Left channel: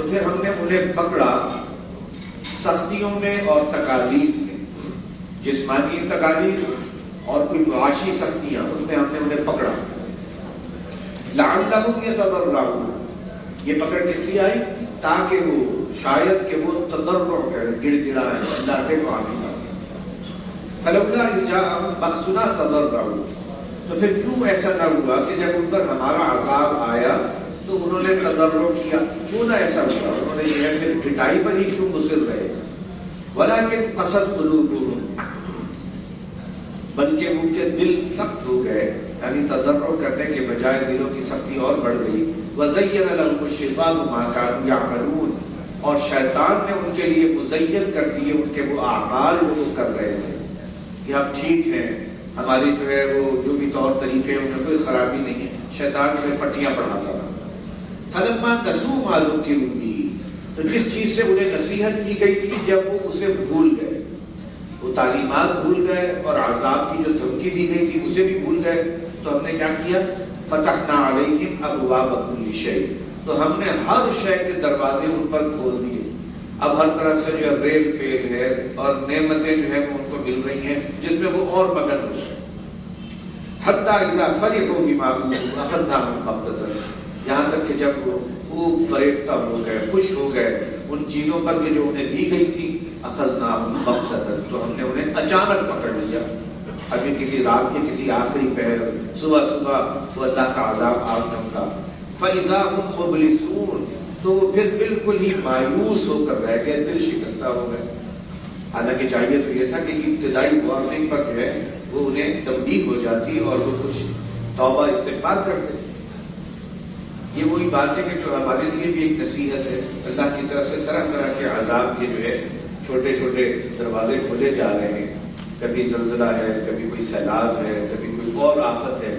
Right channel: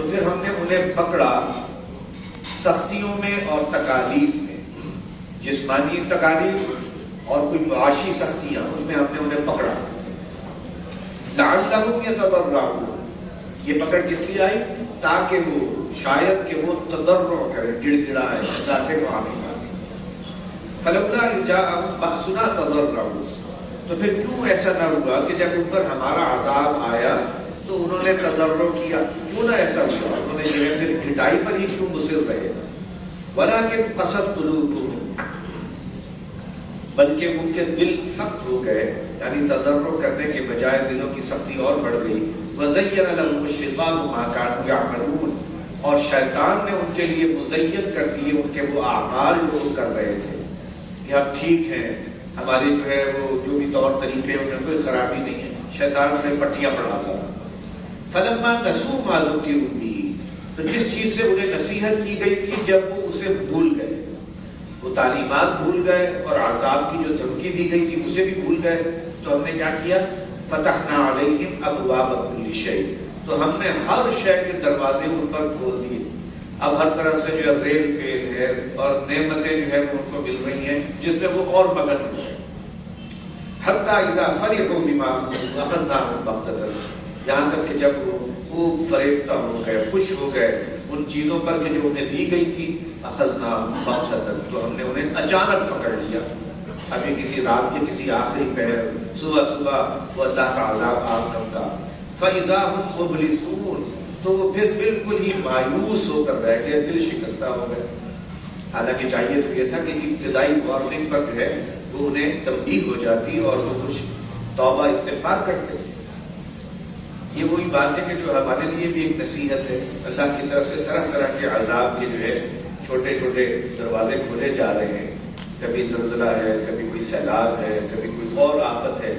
تو پھر ہم نے انہیں پکڑا سختیوں میں اور تکالیف میں، جسمانی تکالیف اور کوئی معاشی سختیاں، ان میں ہم نے انہیں پکڑا. لعلہم یتضرعون، یہ پکڑ کس لیے آئی؟ تاکہ وہ شاید کہ وہ تضرع کریں، گڑ گڑائیں، اللہ سے معافی مانگیں. فلولا اذ جاءہم بأسنا تضرعوا، تو پھر کیوں ایسا نہ ہوا کہ جب ان پر ہمارا عذاب آیا تو انہوں نے تضرع کیا؟ کیوں نہ ایسا ہوا؟ انہوں نے یہ پھر گٹائی پر ہی کیوں مصر رہے؟ ولکن قست قلوبہم، بلکہ ان کے دل سخت ہو گئے، یعنی تضرع کرنے کے بجائے دلوں کی سختی اور بڑھ گئی. وَزَيَّنَ لَهُمُ الشَّيْطَانُ مَا كَانُوا يَعْمَلُونَ، اور شیطان نے ان کے لیے مزین کر دیے ان کے وہ اعمال جو وہ کر رہے تھے کہ اب ٹھیک ہیں، ہمارے جو ہے وہ جو بھی طور طریقے ان میں کوئی خرابی نہیں ہے. شیطان انہیں پٹیاں پڑھاتا تھا. فَلَمَّا نَسُوا مَا ذُكِّرُوا بِهِ، تو جس چیز سے انہیں نصیحت کی گئی تھی جب وہ اسے بھول گئے، وہ تعلیمات بھول گئے اور عذاب کی جو دھمکی دی گئی تھی اسے بھی بھول گئے، تو ہم نے کیا کیا؟ فتحنا علیہم ابواب کل شیء، تو ہم نے ہر شے کے دروازے ان پر کھول دیے. اب ہر طرح سے جو ہے ریل پیل ہے اور نعمتیں جو ہے ان کو مل رہی ہیں جس میں وہ اور مگن ہو گئے. حتی اذا فرحوا بما اوتوا اخذناهم بغتة، یہاں تک کہ جب وہ خوب فریفتہ ہو گئے، خوش ہو گئے ان چیزوں پر کہ جو انہیں دی گئی تھی، اخذناهم بغتة، تو ہم نے انہیں اچانک پکڑ لیا. ابھی کسی رات کے کسی آخری پہر، صبح وہ اللہ کا عذاب آپ کا. فَإِذَا هُمْ مُبْلِسُونَ، تو وہ پھر بالکل ہی مایوس ہو کر رہ گئے، دل شکستہ ہو گئے. حالانکہ چاہیے تو یہ تھا کہ ابتدائی وارننگ پر جو ہے وہ انہیں تنبیہ ہو جاتی اور وہ کچھ توبہ استغفار کرتے. یہ وہی بات ہے کہ جو ہمارے لیے بھی ایک نصیحت ہے. اللہ کی طرف سے طرح طرح کے عذاب کے جو ہے چھوٹے چھوٹے دروازے کھولے جا رہے ہیں. کبھی زلزلہ ہے، کبھی کوئی سیلاب ہے، کبھی کوئی اور آفت ہے.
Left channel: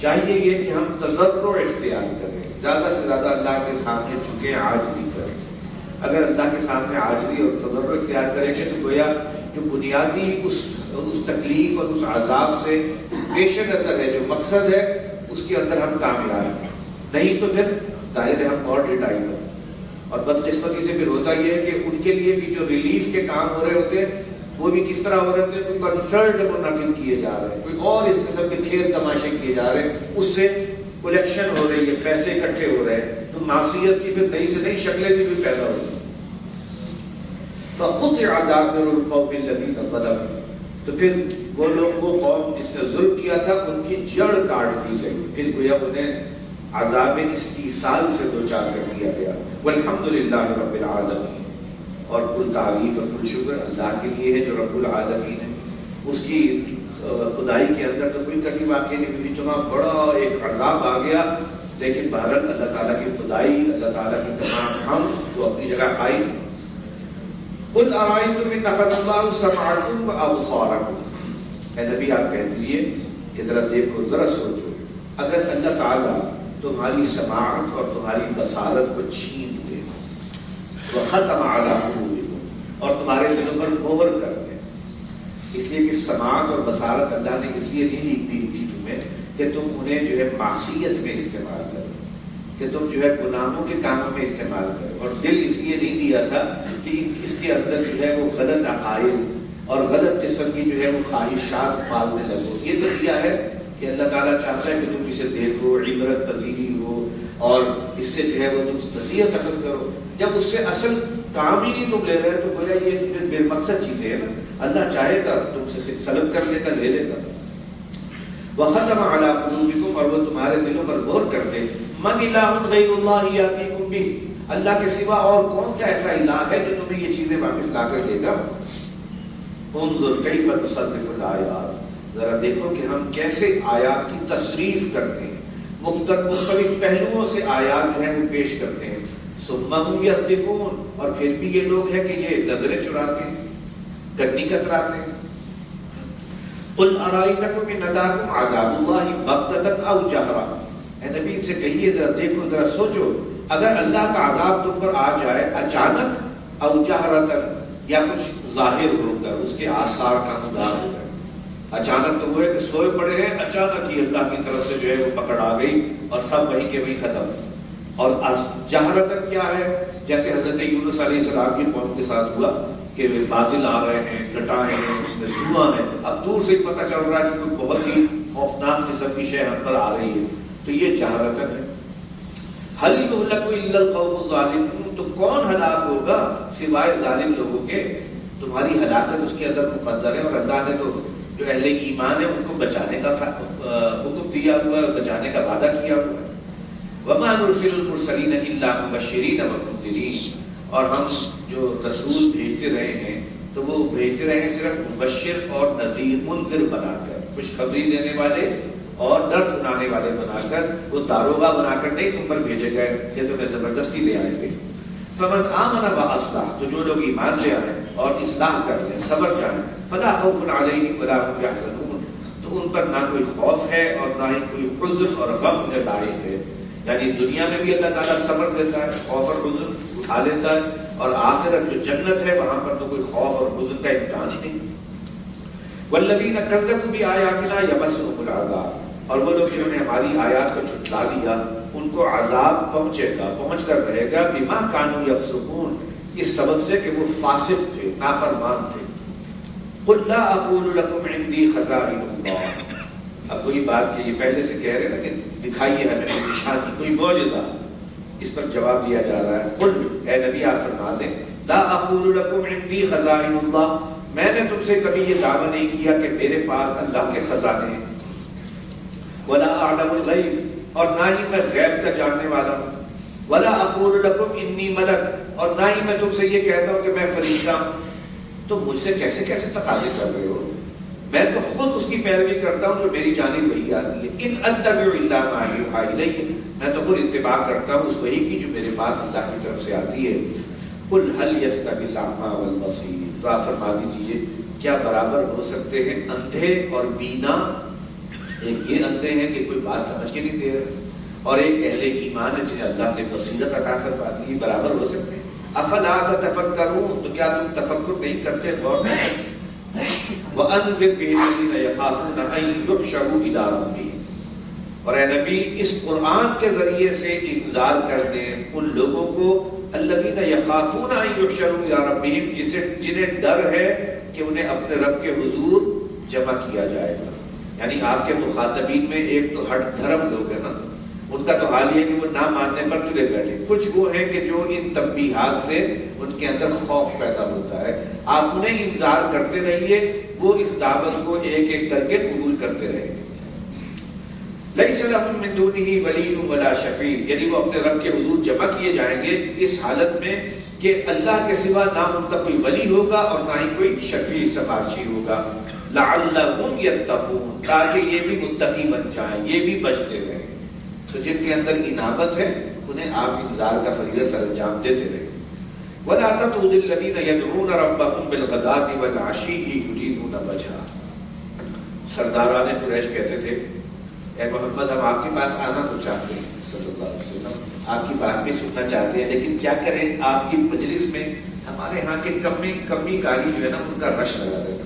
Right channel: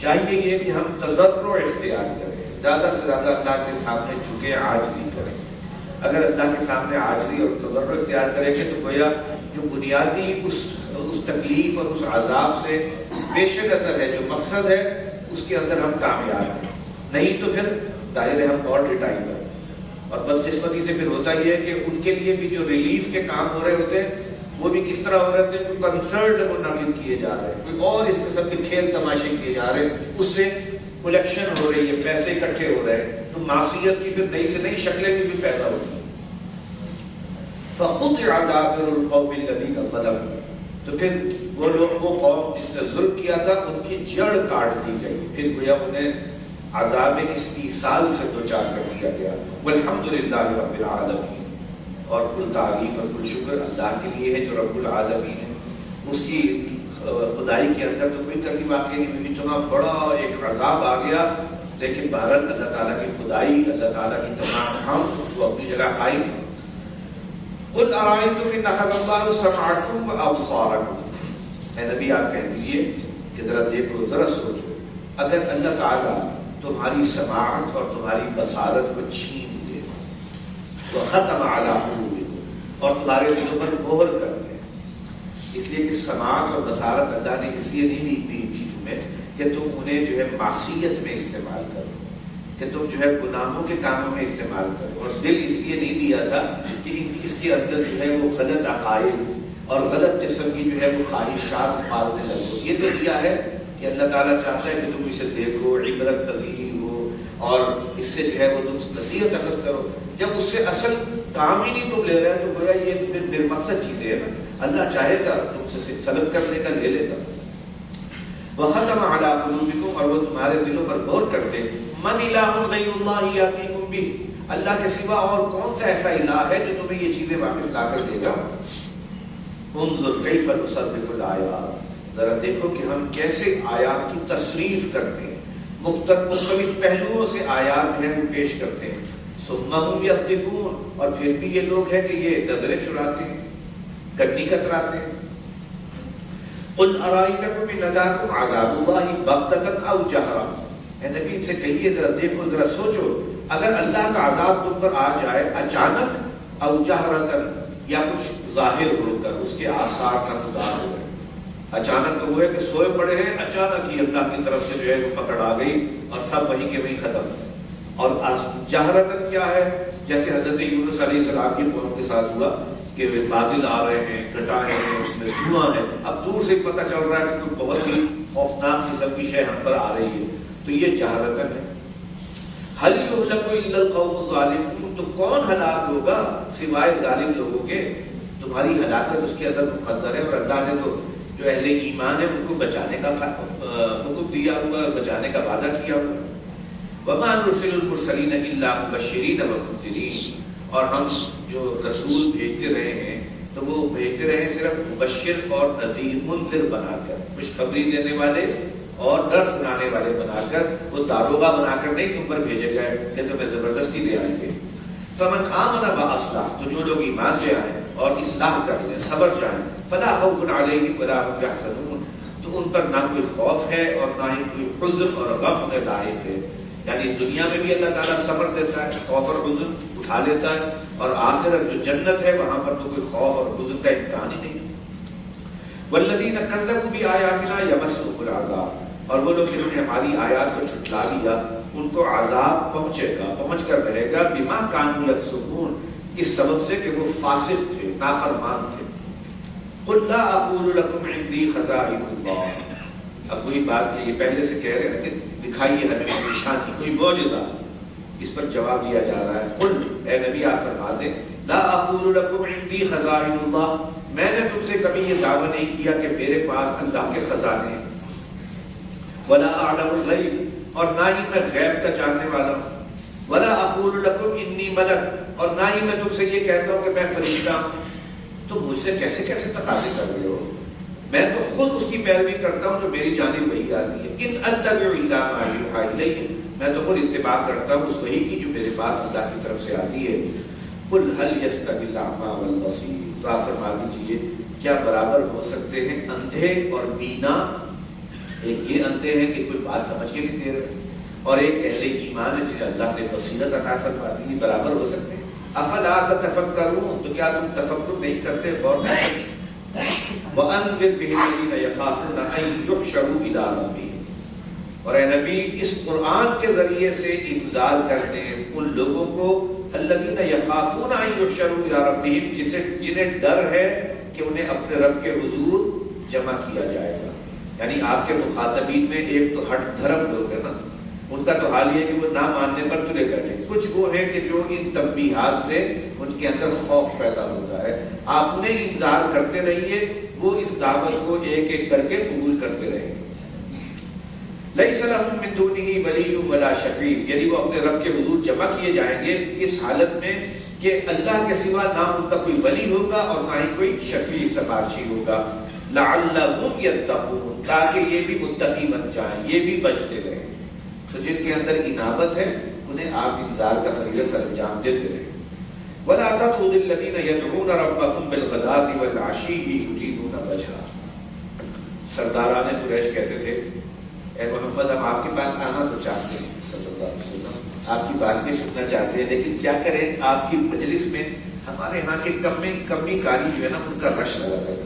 چاہیے یہ کہ ہم تضرع اختیار کریں، زیادہ سے زیادہ اللہ کے سامنے جھکے، عاجزی کریں. اگر اللہ کے سامنے عاجزی اور تضرع اختیار کریں گے تو گویا جو بنیادی اس تکلیف اور اس عذاب سے پیش نظر ہے، جو مقصد ہے، اس کے اندر ہم کامیاب ہیں. نہیں تو پھر ظاہر ہے ہم اور ڈٹائی پر. اور بدقسمتی سے پھر ہوتا یہ ہے کہ ان کے لیے بھی جو ریلیف کے کام ہو رہے ہوتے ہیں وہ بھی کس طرح ہو رہے تھے؟ کوئی کنسرٹ منعقد کیے جا رہے ہیں، کوئی اور اس قسم کے کھیل تماشے کیے جا رہے ہیں، اس سے کلیکشن ہو رہی ہے، پیسے اکٹھے ہو رہے ہیں، تو معصیت کی پھر نئی سے نئی شکلیں بھی پیدا ہو رہی ہیں. فَقُطِعَ دَابِرُ الْقَوْمِ الَّذِينَ ظَلَمُوا، تو پھر وہ لوگ، وہ قوم جس نے ظلم کیا تھا، ان کی جڑ کاٹ دی گئی. پھر گویا انہیں عذاب استیصال سے دوچار کر دیا گیا. وَالْحَمْدُ لِلَّهِ رَبِّ الْعَالَمِينَ، اور کل تعریف اور کل شکر اللہ کے لیے ہے جو رب العالمین ہے. اس کی خدائی کے اندر تو کوئی کمی باقی نہیں ہوئی. اتنا بڑا ایک عذاب آ گیا، لیکن بہرحال اللہ تعالیٰ کی خدائی، اللہ تعالیٰ کی تمام حمد وہ اپنی جگہ قائم. قُلْ أَرَأَيْتُمْ إِنْ أَخَذَ اللَّهُ سَمْعَكُمْ وَأَبْصَارَكُمْ، اے نبی آپ کہہ دیجئے کہ ذرا دیکھو، ذرا سوچو، اگر اللہ تعالیٰ تمہاری سماعت اور تمہاری بصارت کو چھین لے، وختم علی قلوبکم، اور تمہارے دلوں پر مہر کر دے. اس لیے کہ سماعت اور بصارت اللہ نے اس لیے نہیں دی تھی تمہیں کہ تم انہیں جو ہے معصیت میں استعمال کرو، کہ تم جو ہے گناہوں کے کاموں میں استعمال کرو. اور دل اس لیے نہیں دیا تھا کہ اس کے اندر جو ہے وہ غلط عقائد اور غلط قسم کی جو ہے وہ خواہشات پالنے لگو. یہ تو دیا ہے کہ اللہ تعالیٰ چاہتا ہے کہ تم اسے دیکھو، عبرت پذیری ہو، اور اس سے جو ہے وہ تم نصیحت حاصل کرو. جب اس سے اصل کام ہی نہیں تم لے رہے تو گویا یہ پھر بے مقصد چیزیں ہیں نا. اللہ چاہے گا تم سے سلب کر لے گا، لے لے گا. وختم علی قلوبکم، اور وہ تمہارے دلوں پر غور کرتے. من الہ غیر اللہ یاتیکم بہ، اللہ کے سوا اور کون سا ایسا الہ ہے جو تمہیں یہ چیزیں واپس لا کر دے گا. انظر کیف نصرف الآیات، ذرا دیکھو کہ ہم کیسے آیات کی تصریف کرتے ہیں، مختلف پہلوؤں سے آیات جو ہیں وہ پیش کرتے ہیں. ثم هم یصدفون، اور پھر بھی یہ لوگ ہیں کہ یہ نظریں چراتے ہیں، گڈی کتراتے ہیں. قل ارائیتکم ان اتاکم عذاب اللہ بغتۃ او جہرا، اے نبی سے کہیے ذرا دیکھو، ذرا سوچو، اگر اللہ کا عذاب تم پر آ جائے اچانک، او جہرتن، یا کچھ ظاہر ہو کر، اس کے آثار نمودار ہو گئے. اچانک تو وہ ہے کہ سوئے پڑے ہیں، اچانک ہی اللہ کی طرف سے جو ہے وہ پکڑ آ گئی اور سب وہیں کے وہیں ختم. اور جہرتن کیا ہے؟ جیسے حضرت یونس علیہ السلام کی قوم کے ساتھ ہوا کہ بادل آ رہے ہیں، کٹائیں ہیں، اس میں دھواں ہے، اب دور سے پتہ چل رہا ہے کہ کوئی بہت ہی خوفناک قسم کی شے ہم پر آ رہی ہے، تو یہ جہرتن ہے۔ هل يهلك الا القوم الظالمون، تو کون ہلاک ہوگا سوائے ظالم لوگوں کے؟ تمہاری ہلاکت اس کے اندر مقدر ہے، اور اللہ نے تو جو اہل ایمان ہے ان کو بچانے کا حکم دیا ہوا ہے اور بچانے کا وعدہ کیا ہوا ہے۔ وما نرسل المرسلین الا مبشرین ومنذرین، اور ہم جو رسول بھیجتے رہے ہیں تو وہ بھیجتے رہے صرف مبشر اور نذیر، منذر بنا کر، خوشخبری دینے والے اور ڈر سنانے والے بنا کر، وہ داروغہ بنا کر نہیں تم پر بھیجے گئے کہ تمہیں زبردستی لے آئیں گے۔ فمن آمن واصلح، تو جو لوگ ایمان لے آئیں اور اصلاح کر لیں، صبر چاہیں، فلا خوف علیہم ولا هم یحزنون، تو ان پر نہ کوئی خوف ہے اور نہ ہی کوئی حزن اور غم انہیں لاحق ہے۔ یعنی دنیا میں بھی اللہ تعالیٰ صبر دیتا ہے، خوف اور حزن اٹھا لیتا ہے، اور آخرت جو جنت ہے وہاں پر تو کوئی خوف اور حزن کا امکان ہی نہیں۔ والذین کذبوا بآیاتنا یمسهم العذاب، اور وہ لوگ جنہوں نے ہماری آیات کو جھٹلا دیا ان کو عذاب پہنچے گا، پہنچ کر رہے گا، بما کانوا یفسقون، اس سبب سے کہ وہ فاسق تھے، نافرمان تھے۔ قل لا اقول لكم عندي خزائن اللہ، اب وہی بات کہ یہ پہلے سے کہہ رہے ہیں کہ دکھائیے ہمیں کوئی نشانی، کوئی معجزہ، اس پر جواب دیا جا رہا ہے۔ قل، اے نبی آپ فرما دیں، لا اقول لكم عندي خزائن اللہ، میں نے تم سے کبھی یہ دعویٰ نہیں کیا کہ میرے پاس اللہ کے خزانے ہیں۔ ولا اعلم الغیب، اور نہ ہی میں غیب کا جاننے والا۔ ولا اقول لكم انی ملک، اور نہ ہی میں تم سے یہ کہتا ہوں کہ میں فرشتہ ہوں۔ تو مجھ سے کیسے کیسے تقاضے کر رہے ہو؟ میں تو خود اس کی پیروی کرتا ہوں جو میری جانب وحی آتی ہے۔ ان اتبع الا ما یوحی الی، میں تو خود اتباع کرتا ہوں اس وحی کی جو میرے پاس اللہ کی طرف سے آتی ہے۔ قل هل يستوي الاعمى والبصير، تو آپ فرما دیجیے کیا برابر ہو سکتے ہیں اندھے اور بینا؟ ایک یہ اندھے ہیں کہ کوئی بات سمجھ کے نہیں دے رہے، اور ایک اہل ایمان ہے جنہیں اللہ نے بصیرت عطا فرما دی، یہ برابر ہو سکتے ہیں؟ افلا تتفکرون، تو کیا تم تفکر نہیں کرتے، غور نہیں کرتے؟ وَأَنذِرْ بِهِ الَّذِينَ يَخَافُونَ أَن يُحْشَرُوا إِلَىٰ رَبِّهِمْ، اور اے نبی اس قرآن کے ذریعے سے انذار کر دیں ان لوگوں کو الذین یخافون ان یحشروا الی ربہم، جنہیں ڈر ہے کہ انہیں اپنے رب کے حضور جمع کیا جائے گا۔ یعنی آپ کے مخاطبین میں ایک تو ہٹ دھرم لوگ ہیں نا، ان کا تو حال یہ کہ وہ نہ ماننے پر تلے بیٹھے، کچھ وہ ہیں کہ جو ان تنبیہات سے ان کے اندر خوف پیدا ہوتا ہے۔ آپ انہیں انذار کرتے رہیے، وہ اس دعوت کو ایک ایک کر کے قبول کرتے رہیں گے۔ لیس لہم من دونہ ولی ولا شفیع، یعنی وہ اپنے رب کے حضور جمع کیے جائیں گے اس حالت میں کہ اللہ کے سوا نہ ان کا کوئی ولی ہوگا اور نہ ہی کوئی شفیع سفارشی ہوگا۔ لعلہم یتقون، تاکہ یہ بھی متقی بن جائیں، یہ بھی بچتے رہیں۔ تو جن کے اندر انابت ہے انہیں آپ انذار کا فریضہ سر انجام دیتے رہیں۔ ولا تطرد الذین یدعون ربهم بالغداة والعشی یریدون وجہہ، سرداران قریش کہتے تھے اے محمد ہم آپ کے پاس آنا تو چاہتے ہیں، صلی اللہ علیہ وسلم آپ کی بات بھی سننا چاہتے ہیں، لیکن کیا کریں آپ کی مجلس میں ہمارے ہاں کے کمی کاری جو ہے نا ان کا رش لگا رہتا،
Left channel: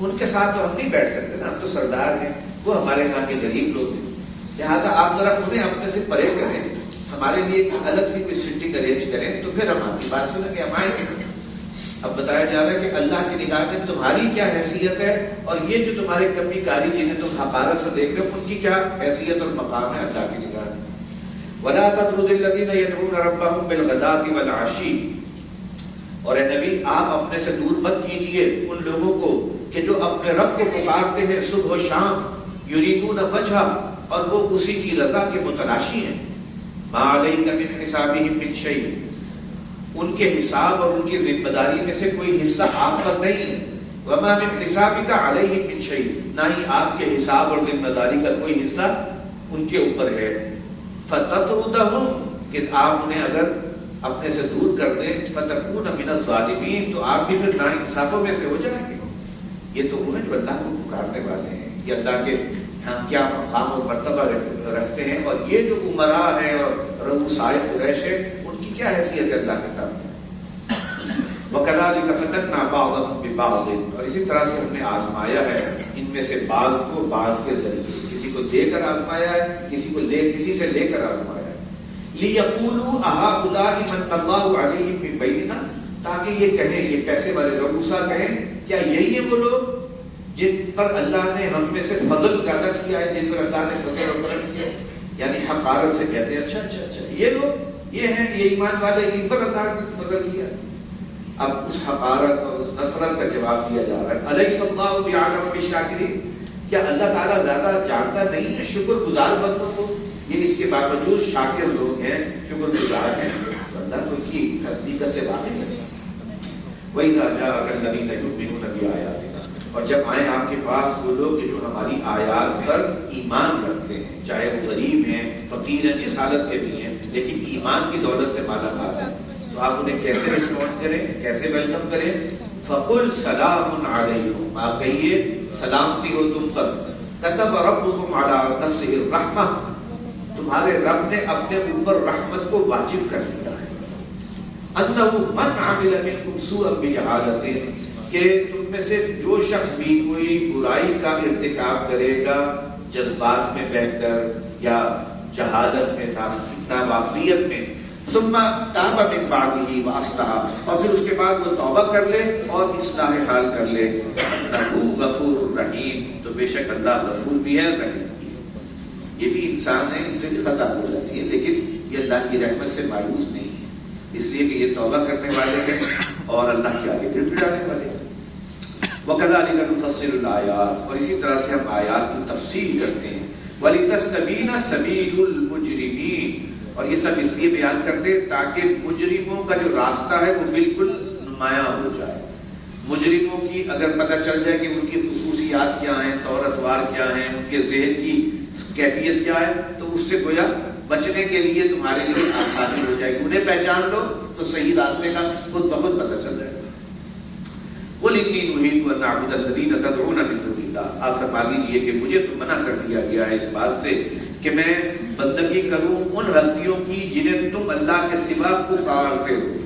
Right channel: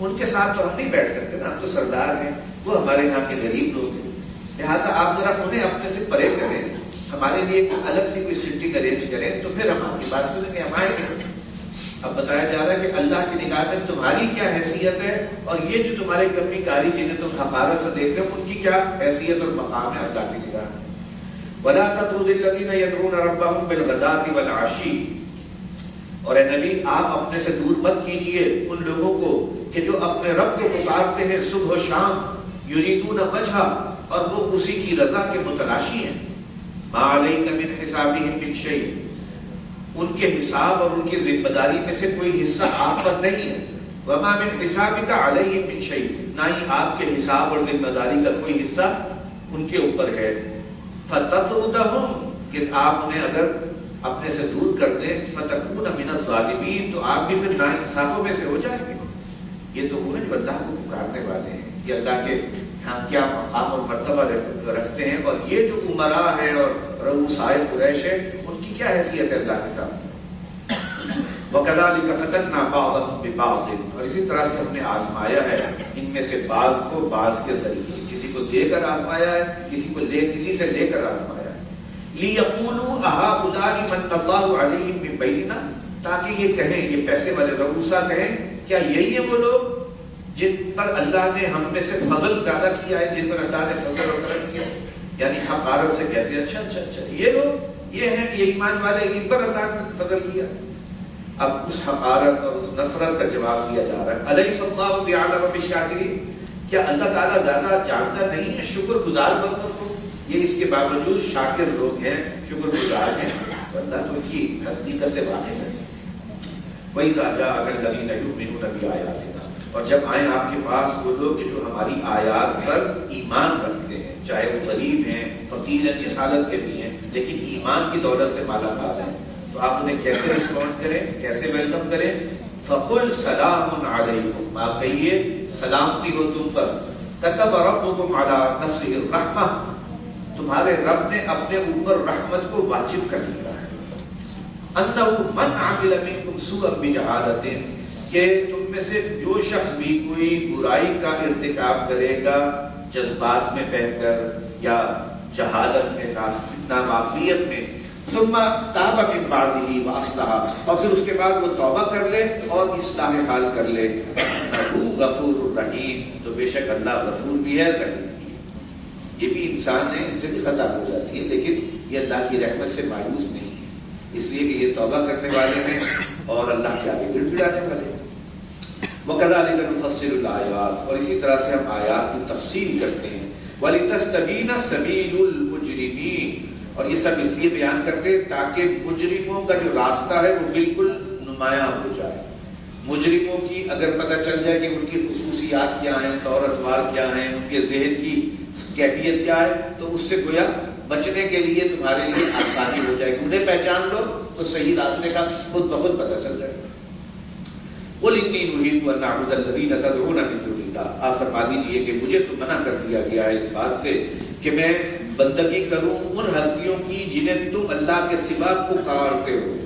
ان کے ساتھ تو ہم نہیں بیٹھ سکتے نا، تو سردار ہیں وہ، ہمارے یہاں کے غریب لوگ ہیں، لہٰذا آپ ذرا انہیں اپنے سے پرے کریں، ہمارے لیے ایک الگ سی کوئی سٹنگ ارینج کریں تو پھر ہم آپ کی بات سنیں گے، ہمارے۔ اب بتایا جا رہا ہے کہ اللہ کی نگاہ میں تمہاری کیا حیثیت ہے، اور یہ جو تمہارے کمی کاری جنہیں تم حقارت سے دیکھ رہے ہو ان کی کیا حیثیت اور مقام ہے اللہ کی نگاہ میں۔ وَلَا تَطْرُدِ الَّذِينَ يَدْعُونَ رَبَّهُمْ بِالْغَدَاةِ وَالْعَشِيِّ، اور اے نبی آپ اپنے سے دور مت کیجئے ان لوگوں کو کہ جو اپنے رب کو پکارتے ہیں صبح و شام، یریدون وجہہ، اور وہ اسی کی رضا کے متلاشی ہیں۔ مَا عَلَيْكَ مِنْ حِسَابِهِمْ مِنْ شَيْءٍ، ان کے حساب اور ان کی ذمہ داری میں سے کوئی حصہ آپ پر نہیں ہے۔ وَمَا مِنْ حِسَابِكَ عَلَيْهِمْ مِنْ شَيْءٍ، نہ ہی آپ کے حساب اور ذمہ داری کا کوئی حصہ ان کے اوپر ہے۔ فَتَطْرُدَهُمْ، کہ آپ انہیں اگر اپنے سے دور کر دیں، فَتَكُونَ مِنَ الظَّالِمِينَ، تو آپ بھی پھر ناانصافوں میں سے ہو جائیں گے۔ یہ تو وہ جو اللہ کو پکارنے والے ہیں، یہ اللہ کے ہاں کیا مقام اور مرتبہ رکھتے ہیں، اور یہ جو امراء ہے اور رؤسائے قریش ہے ان کی کیا حیثیت ہے اللہ کے سامنے۔ وَكَذَلِكَ فَتَنَّا بَعْضَهُم بِبَعْضٍ، اور اسی طرح سے ہم نے آزمایا ہے ان میں سے بعض کو بعض کے ذریعے، کسی کو دے کر آزمایا ہے، کسی سے لے کر آزمایا ہے۔ لِيَقُولُوا أَهَؤُلَاءِ مَنَّ اللَّهُ عَلَيْهِمْ مِنْ بَيْنِنَا، تاکہ یہ کہیں، یہ پیسے والے رؤسا کہیں، کیا یہی ہے وہ لوگ جن پر اللہ نے ہم میں سے فضل پیدا کیا ہے، جن پر اللہ نے فضل و کرم کیا ہے؟ یعنی حقارت سے کہتے ہیں اچھا یہ لوگ یہ ہیں، یہ ایمان والے، ان پر اللہ نے فضل کیا۔ اب اس حقارت اور اس نفرت کا جواب دیا جا رہا ہے، أَلَيْسَ اللَّهُ بِأَعْلَمَ بِالشَّاكِرِينَ، کیا اللہ تعالیٰ زیادہ جانتا نہیں ہے شکر گزار بندوں کو؟ یہ اس کے باوجود شاکر لوگ ہیں، شکر گزار ہیں، اللہ تو کی حقیقت سے واقف ہے۔ وَإِذَا جَاءَكَ الَّذِينَ يُؤْمِنُونَ بِآيَاتِنَا، اور جب آئیں آپ کے پاس وہ لوگ جو ہماری آیات پر ایمان رکھتے ہیں، چاہے وہ غریب ہیں، فقیر ہیں، جس حالت کے بھی ہیں، لیکن ایمان کی دولت سے مالا مال ہیں، تو آپ انہیں کیسے رسپونڈ کریں، کیسے ویلکم کریں؟ فَقُلْ سَلَامٌ عَلَيْكُمْ، آپ کہیے سلامتی ہو تم پر، كَتَبَ رَبُّكُمْ عَلَىٰ نَفْسِهِ الرَّحْمَةَ، تمہارے رب نے اپنے اوپر رحمت کو واجب کر دیا ہے، أَنَّهُ مَنْ عَمِلَ مِنْكُمْ سُوءًا بِجَهَالَةٍ، کہ تم میں سے جو شخص بھی کوئی برائی کا ارتکاب کرے گا جذبات میں بہہ کر یا جہالت میں، ناواقفیت میں، ثم تاب من بعده واصلح، اور پھر اس کے بعد وہ توبہ کر لے اور اصلاح حال کر لے، انہ غفور رحیم، تو بے شک اللہ غفور بھی ہے، رحیم بھی ہے۔ یہ بھی انسان ہے، ان سے بھی خطا ہو جاتی ہے، لیکن یہ اللہ کی رحمت سے مایوس نہیں ہے، اس لیے کہ یہ توبہ کرنے والے ہیں اور اللہ کے آگے گر گڑانے والے ہیں۔ وَكَذَلِكَ نُفَصِّلُ الْآيَاتِ، اور اسی طرح سے ہم آیات کی تفصیل کرتے ہیں، وَلِتَسْتَبِينَ سَبِيلُ الْمُجْرِمِينَ، اور یہ سب اس لیے بیان کرتے ہیں تاکہ مجرموں کا جو راستہ ہے وہ بالکل نمایاں ہو جائے۔ مجرموں کی اگر پتہ چل جائے کہ ان کی خصوصیات کیا ہیں، طور اتوار کیا ہیں، ان کے ذہن کی کیفیت کیا ہے، تو اس سے گویا بچنے کے لیے تمہارے لیے آسانی ہو جائے گی، انہیں پہچان لو تو صحیح راستے کا خود بخود پتہ چل جائے گا۔ قُلْ إِنِّي نُهِيتُ أَنْ أَعْبُدَ الَّذِينَ تَدْعُونَ مِن دُونِ اللَّهِ، آپ فرما دیجئے کہ مجھے تو منع کر دیا گیا ہے اس بات سے کہ میں بندگی کروں ان ہستیوں کی جنہیں تم اللہ کے سوا پکارتے ہو۔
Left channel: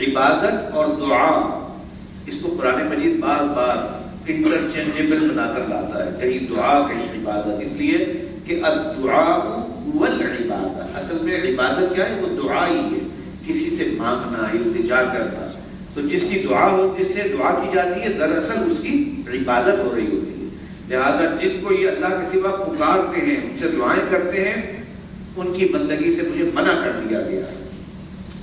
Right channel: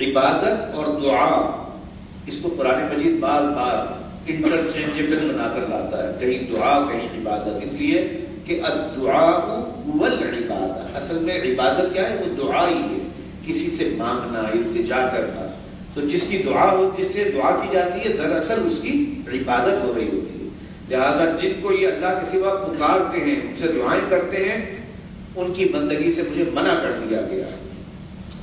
عبادت اور دعا، اس کو قرآن مجید بار بار انٹرچینجبل بنا کر لاتا ہے، کہیں دعا کہیں عبادت، اس لیے کہ الدعاء والعبادت، اصل میں عبادت کیا ہے؟ وہ دعا ہی ہے، کسی سے مانگنا، التجا کرنا، تو جس کی دعا ہو، جس سے دعا کی جاتی ہے دراصل اس کی عبادت ہو رہی ہوتی ہے، لہذا جن کو یہ اللہ کے سوا پکارتے ہیں، ان سے دعائیں کرتے ہیں، ان کی بندگی سے مجھے منع کر دیا گیا ہے۔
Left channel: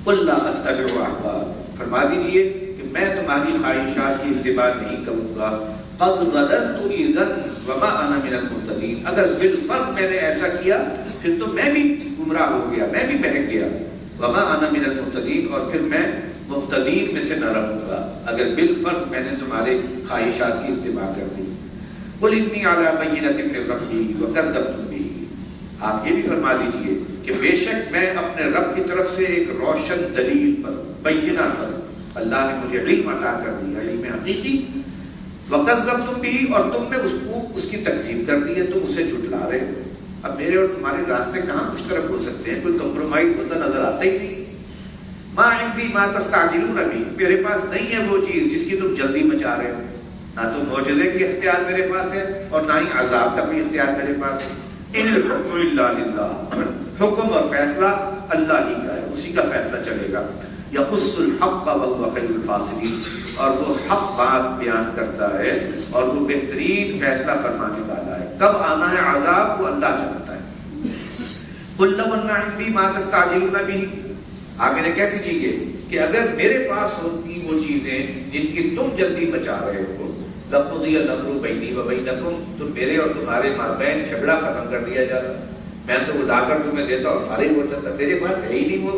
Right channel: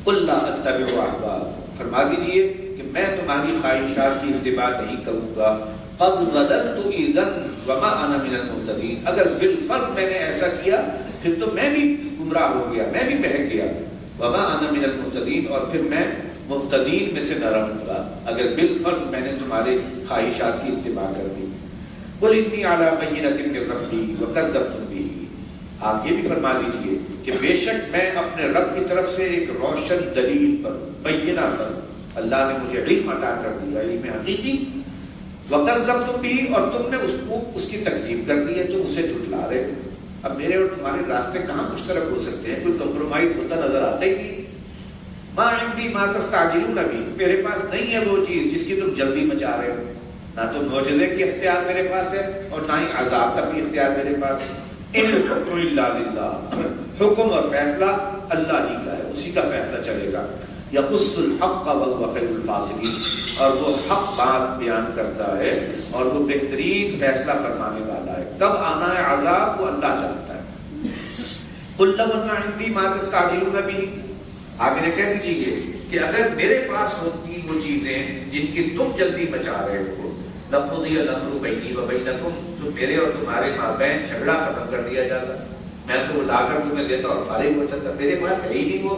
قُلْ لَا أَتَّبِعُ أَهْوَاءَكُمْ، فرما دیجئے کہ میں تمہاری خواہشات کی اتباع نہیں کروں گا، قَدْ ضَلَلْتُ إِذًا وَمَا أَنَا مِنَ الْمُهْتَدِينَ، اگر بالفرض میں نے ایسا کیا پھر تو میں بھی گمراہ ہو گیا، میں بھی بہک گیا، وَمَا أَنَا مِنَ الْمُهْتَدِينَ، اور پھر میں مہتدین میں سے نہ رہوں گا اگر بالفرض میں نے تمہارے خواہشات کی اتباع کر دی۔ قُلْ إِنِّي عَلَىٰ بَيِّنَةٍ مِّن رَّبِّي وَكَذَّبْتُم بِهِ، آپ یہ بھی فرما دیجئے کہ بے شک میں اپنے رب کی طرف سے ایک روشن دلیل پر، بینہ پر، اللہ نے مجھے علم عطا کر دیا، علم حقیقی، وَكَذَّبْتُم بِهِ، اور تم نے اس کی تکذیب کر دی ہے، تم اسے جھٹلا رہے ہو۔ اب میرے اور تمہارے راستے کہاں مشترک ہو سکتے ہیں؟ کوئی کمپرومائز ہوتا نظر آتا ہی نہیں۔ ما عندي ما تستعجلون به، میرے پاس نہیں ہے وہ چیز جس کی تم جلدی مچا رہے ہو، نہ تو معجزے کی اختیار میرے پاس ہے اور نہ ہی عذاب کا بھی اختیار میرے پاس ہے۔ ان الحکم الا للہ، حکم اور فیصلہ اللہ ہی کا ہے، اسی کا فیصلہ چلے گا۔ یقص الحق وهو خیر الفاصلین، اور وہ حق بات بیان کرتا ہے اور وہ بہترین فیصلہ فرمانے والا ہے۔ کب آنا ہے عذاب وہ اللہ جانتا ہے۔ قل لو ان عندي ما تستعجلون به، آپ انہیں کہہ دیجیے کہ اگر میرے پاس ہوتی وہ چیزیں جن کی تم جلدی مچا رہے ہو، لقضی الامر بینی وبینکم، تو میرے اور تمہارے مابین جھگڑا ختم کر دیا جاتا، میں تو وہ لا کر تمہیں دیتا اور فارغ ہو جاتا، میرے پاس ہے ہی نہیں وہ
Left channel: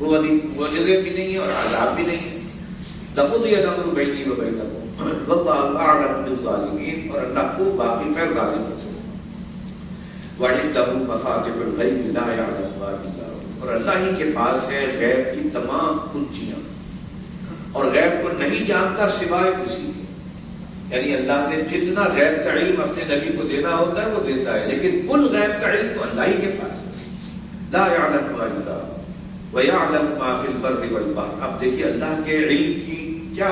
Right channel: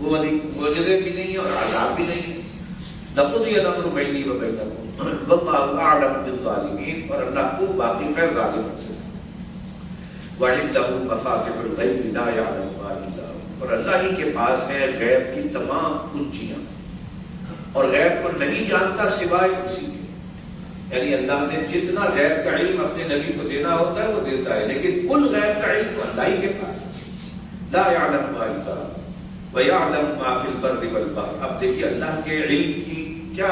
والی معجزے بھی نہیں اور عذاب بھی نہیں۔ لقضی الامر بینی وبینکم واللہ اعلم بالظالمین، اور اللہ خوب واقف ہے ظالموں سے۔ وعنده مفاتح الغیب لا یعلمها الا هو، اور اللہ ہی کے پاس ہے غیب کی تمام کنجیاں، اور غیب کو نہیں جانتا سوائے اسی کے، یعنی اللہ نے جتنا غیب کا علم اپنے نبی کو دینا ہوتا ہے وہ دیتا ہے، لیکن کل غیب کا علم تو اللہ ہی کے پاس ہے۔ لا یعلمها الا هو ویعلم ما فی البر والبحر، اب دیکھیے اللہ کے علم کی کیا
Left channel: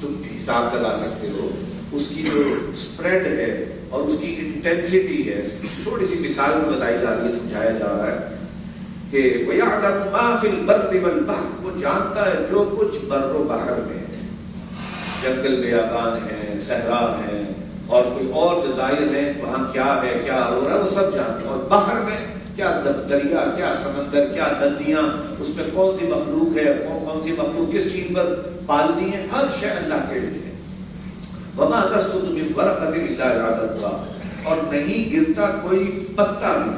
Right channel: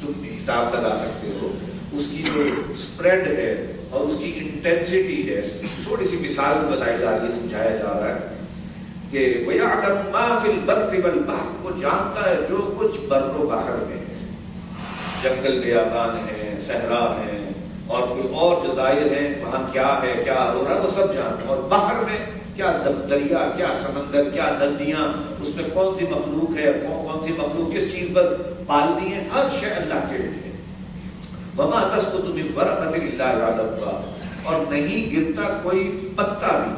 تم حساب لگا سکتے ہو، اس کی جو اسپریڈ ہے اور اس کی انٹینسٹی ہے، تھوڑی سی مثال بتائی جا رہی ہے، سمجھایا جا رہا ہے۔ کہ وَيَعْلَمُ مَا فِي الْبَرِّ وَالْبَحْرِ، وہ جانتا ہے جو کچھ بر و بحر میں ہے، جنگل بیابان ہے، صحرا ہے، اور کوئی اور جزائر ہیں وہاں کیا ہے، کیا ہو رہا ہے، وہ سب جانتا ہے. اور باہر میں کیا دریا، کیا سمندر، کیا ندیاں، اس میں کون سی مخلوق ہے، کون سی مخلوق کس چیز پر پالنی ہے، ہر شے اللہ کے لیے. وما تسقط من ورقۃ الا یعلمها، اور نہیں گرتا کوئی پتا بھی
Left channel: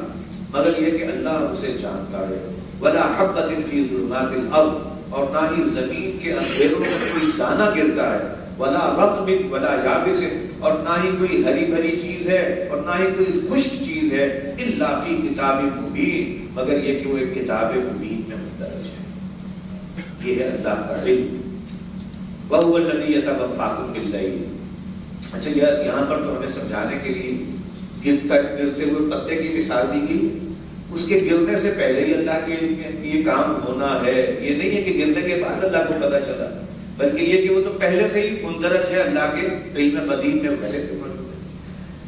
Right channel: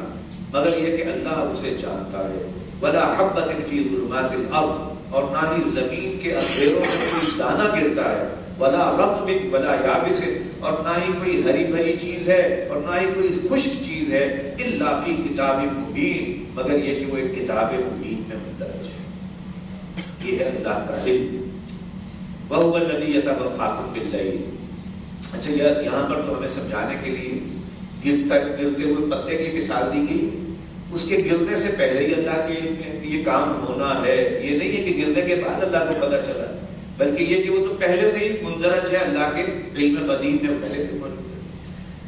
مگر یہ کہ اللہ اسے جانتا ہے. ولا حبۃ فی ظلمات الارض، اور نہ ہی زمین کے اندھیروں میں کوئی دانہ گرتا ہے. ولا رطب ولا یابس، اور نہ ہی کوئی ہری بھری چیز ہے اور نہ ہی کوئی خشک چیز ہے. الا فی کتاب مبین، مگر یہ کہ وہ ایک کتاب مبین میں مندرج ہے. یہ ہے اللہ کا علم. وَهُوَ الَّذِي يَتَوَفَّاكُم بِاللَّيْلِ. اچھا یہاں پر تو ہمیں سمجھانے کے لیے گرتے ہوئے پتے کی مثال دی گئی. اس کے گرنے سے پہلے ہی اللہ کے یہ کام ہونا ہے. یہ نہیں ہے کہ گرنے کے بعد اللہ کو پتہ چلا، بلکہ یہ کہ وہ تو پہلے سے ہی مندرج ہے اللہ کے علم قدیم میں، پہلے سے موجود ہے.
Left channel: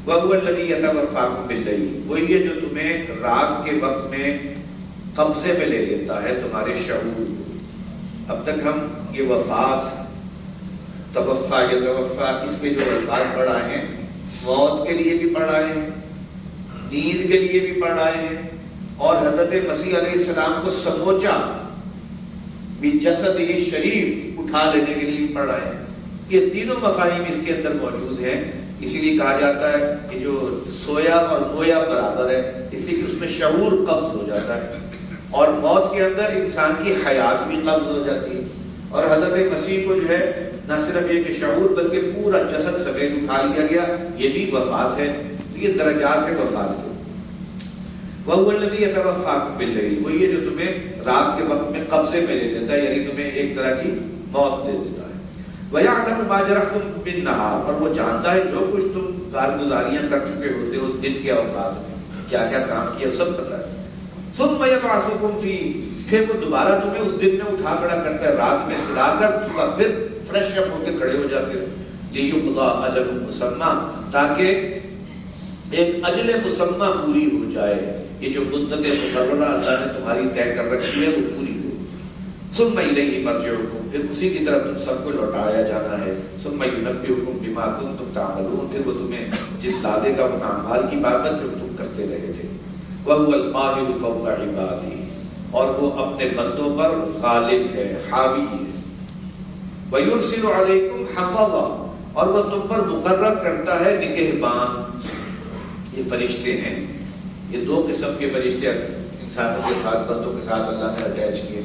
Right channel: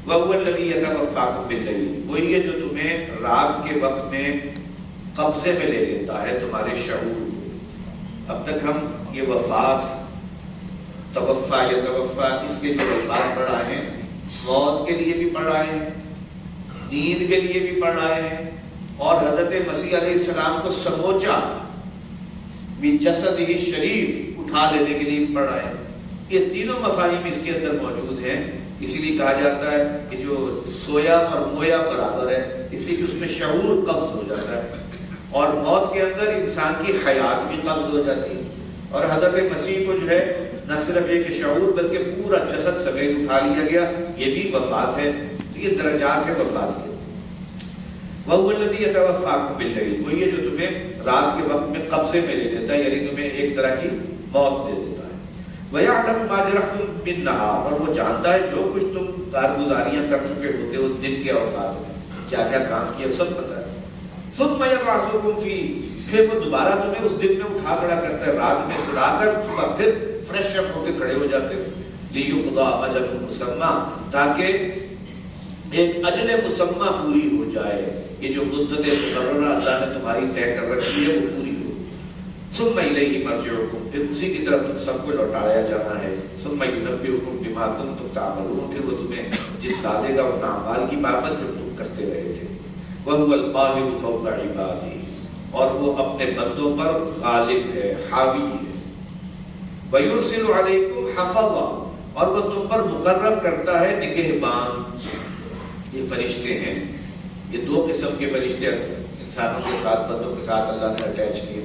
وَهُوَ الَّذِي يَتَوَفَّاكُم بِاللَّيْلِ، وہی ہے جو تمہیں رات کے وقت میں قبضے میں لے لیتا ہے تمہارے شعور. اب تک ہم یہ وفات، توفا یا توفا، اس کے جو الفاظ پڑھائے ہیں، موت کے لیے بھی پڑھائے ہیں، نیند کے لیے بھی پڑھائے ہیں، اور حضرت مسیح علیہ السلام کو سموچا بھی جسد ہی شریف اٹھا لینے کے لیے بھی پڑھائے ہیں. یہ تینوں مفاہیم اس کے اندر موجود ہیں. اسی لیے کہا جاتا ہے کہ جو سویا اور مویا برابر ہے، اس لیے کہ اس میں شعور قبض ہو جاتا ہے، اور موت کے اندر انسان کی حیات بھی قبض ہو جاتی ہے. اور حضرت مسیح کو جو ہے نہ صرف یہ کہ شعور بلکہ پورا جسد سمیت اٹھا لیا گیا. یہ بھی وفات ہے. یہ درجات ہے وفات کے. وَهُوَ الَّذِي يَتَوَفَّاكُم بِاللَّيْلِ، وہی ہے جو تمہیں رات کے وقت میں قبضے میں لے لیتا ہے، یعنی تمہیں ایک طرح کی موت دے دیتا ہے. وَيَعْلَمُ مَا جَرَحْتُم بِالنَّهَارِ، اور وہ جانتا ہے جو کچھ تم کارگزاریاں کر چکے ہوتے ہو دن کے اوقات میں، کیا کیا کام کیا سب پتہ ہے. ثُمَّ يَبْعَثُكُم فِيهِ، پھر وہ دوبارہ تمہیں اس دن میں اٹھا کھڑا کرتا ہے، رات میں سلا کر صبح پھر فریش اپ ہو کے کھڑے ہو جاتے ہو. لِيُقْضَىٰ أَجَلٌ مُّسَمًّى، تاکہ ایک اجل مسمى پوری ہو جائے. یہ جو مدت مقررہ اللہ نے تمہاری طے کر رکھی ہے وہ پوری ہو. ثم الیہ مرجعکم، پھر اسی کی طرف تم سب کو لوٹایا جانا ہے. ثم ینبئکم بما کنتم تعملون، پھر وہ تمہیں جتلا دے گا ان اعمال کی بابت جو تم کرتے رہے تھے. وهو القاهر فوق عباده، اور وہ اپنے بندوں پر غالب ہے، حاوی ہے. وَيُرْسِلُ عَلَيْكُمْ حَفَظًا، اور وہ تم پر مقرر کرتا ہے نگہبان. یہ فرشتے ہیں، یہ دو قسم کے فرشتے انسانوں کے ساتھ، بندوں کے ساتھ اللہ نے اٹیچ کیے.